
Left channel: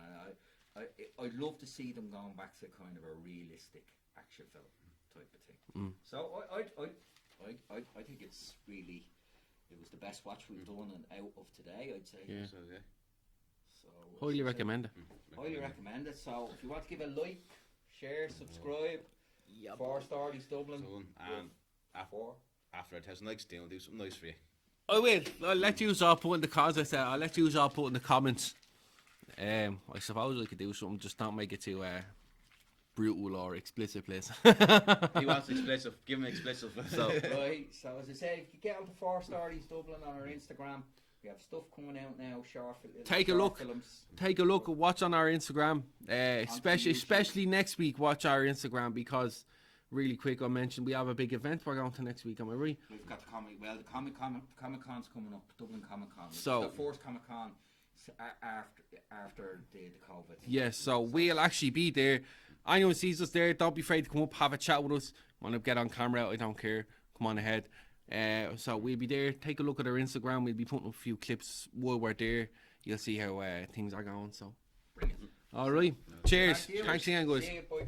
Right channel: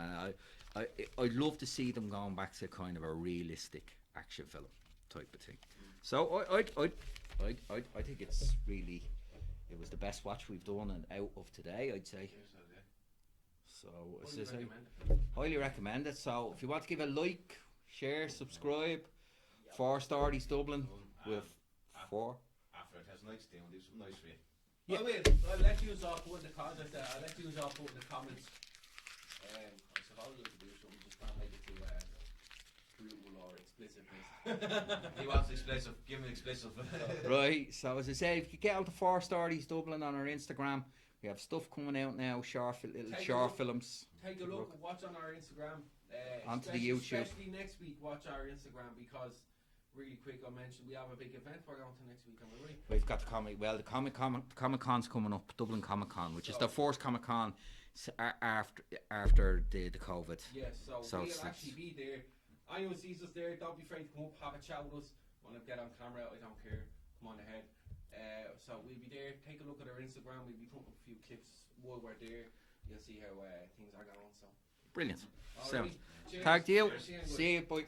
I'd love to see them going back to kind of a realistic action film type of thing. So I think it was the best watch we've done and out of today, I'd say. Yeah. So Highly recommend it. Highly recommend it. So if you want to give a like, share, subscribe. 4 Stories Dublin. and after 1,000 likes, Dale will do something nice for you. I will. I'll let you all put in the comments. I'll let you all put in the comments. I suppose I could do something. Just don't make it too brutal or explicit, please. He wants explicit. Give him explicit. So so as I say, if you get onto 4 Stories Dublin on our Instagram, we have stuff coming out now. Take a look. Films. Take a look. Watch on our Instagram. YouTube. Especially next week. Watch our Instagram because, really quick, I mentioned we have a big event we're going to next week. Am I right? We've got the Comic Con's coming up. Dublin Comic Con, which is the first Comic Con after the COVID. Yes. So we'll actually be there. Anyone sees us there, don't be afraid to come up, have a chat with us. Want to get on camera? I don't care. Come on ahead. So we'll be there. Take a look at our Instagram. We'll be putting up a few clips while we're there. You'll see how things are going. So Brilliant. all right. Cheers. Thank you. Thanks again, guys. See you, boys.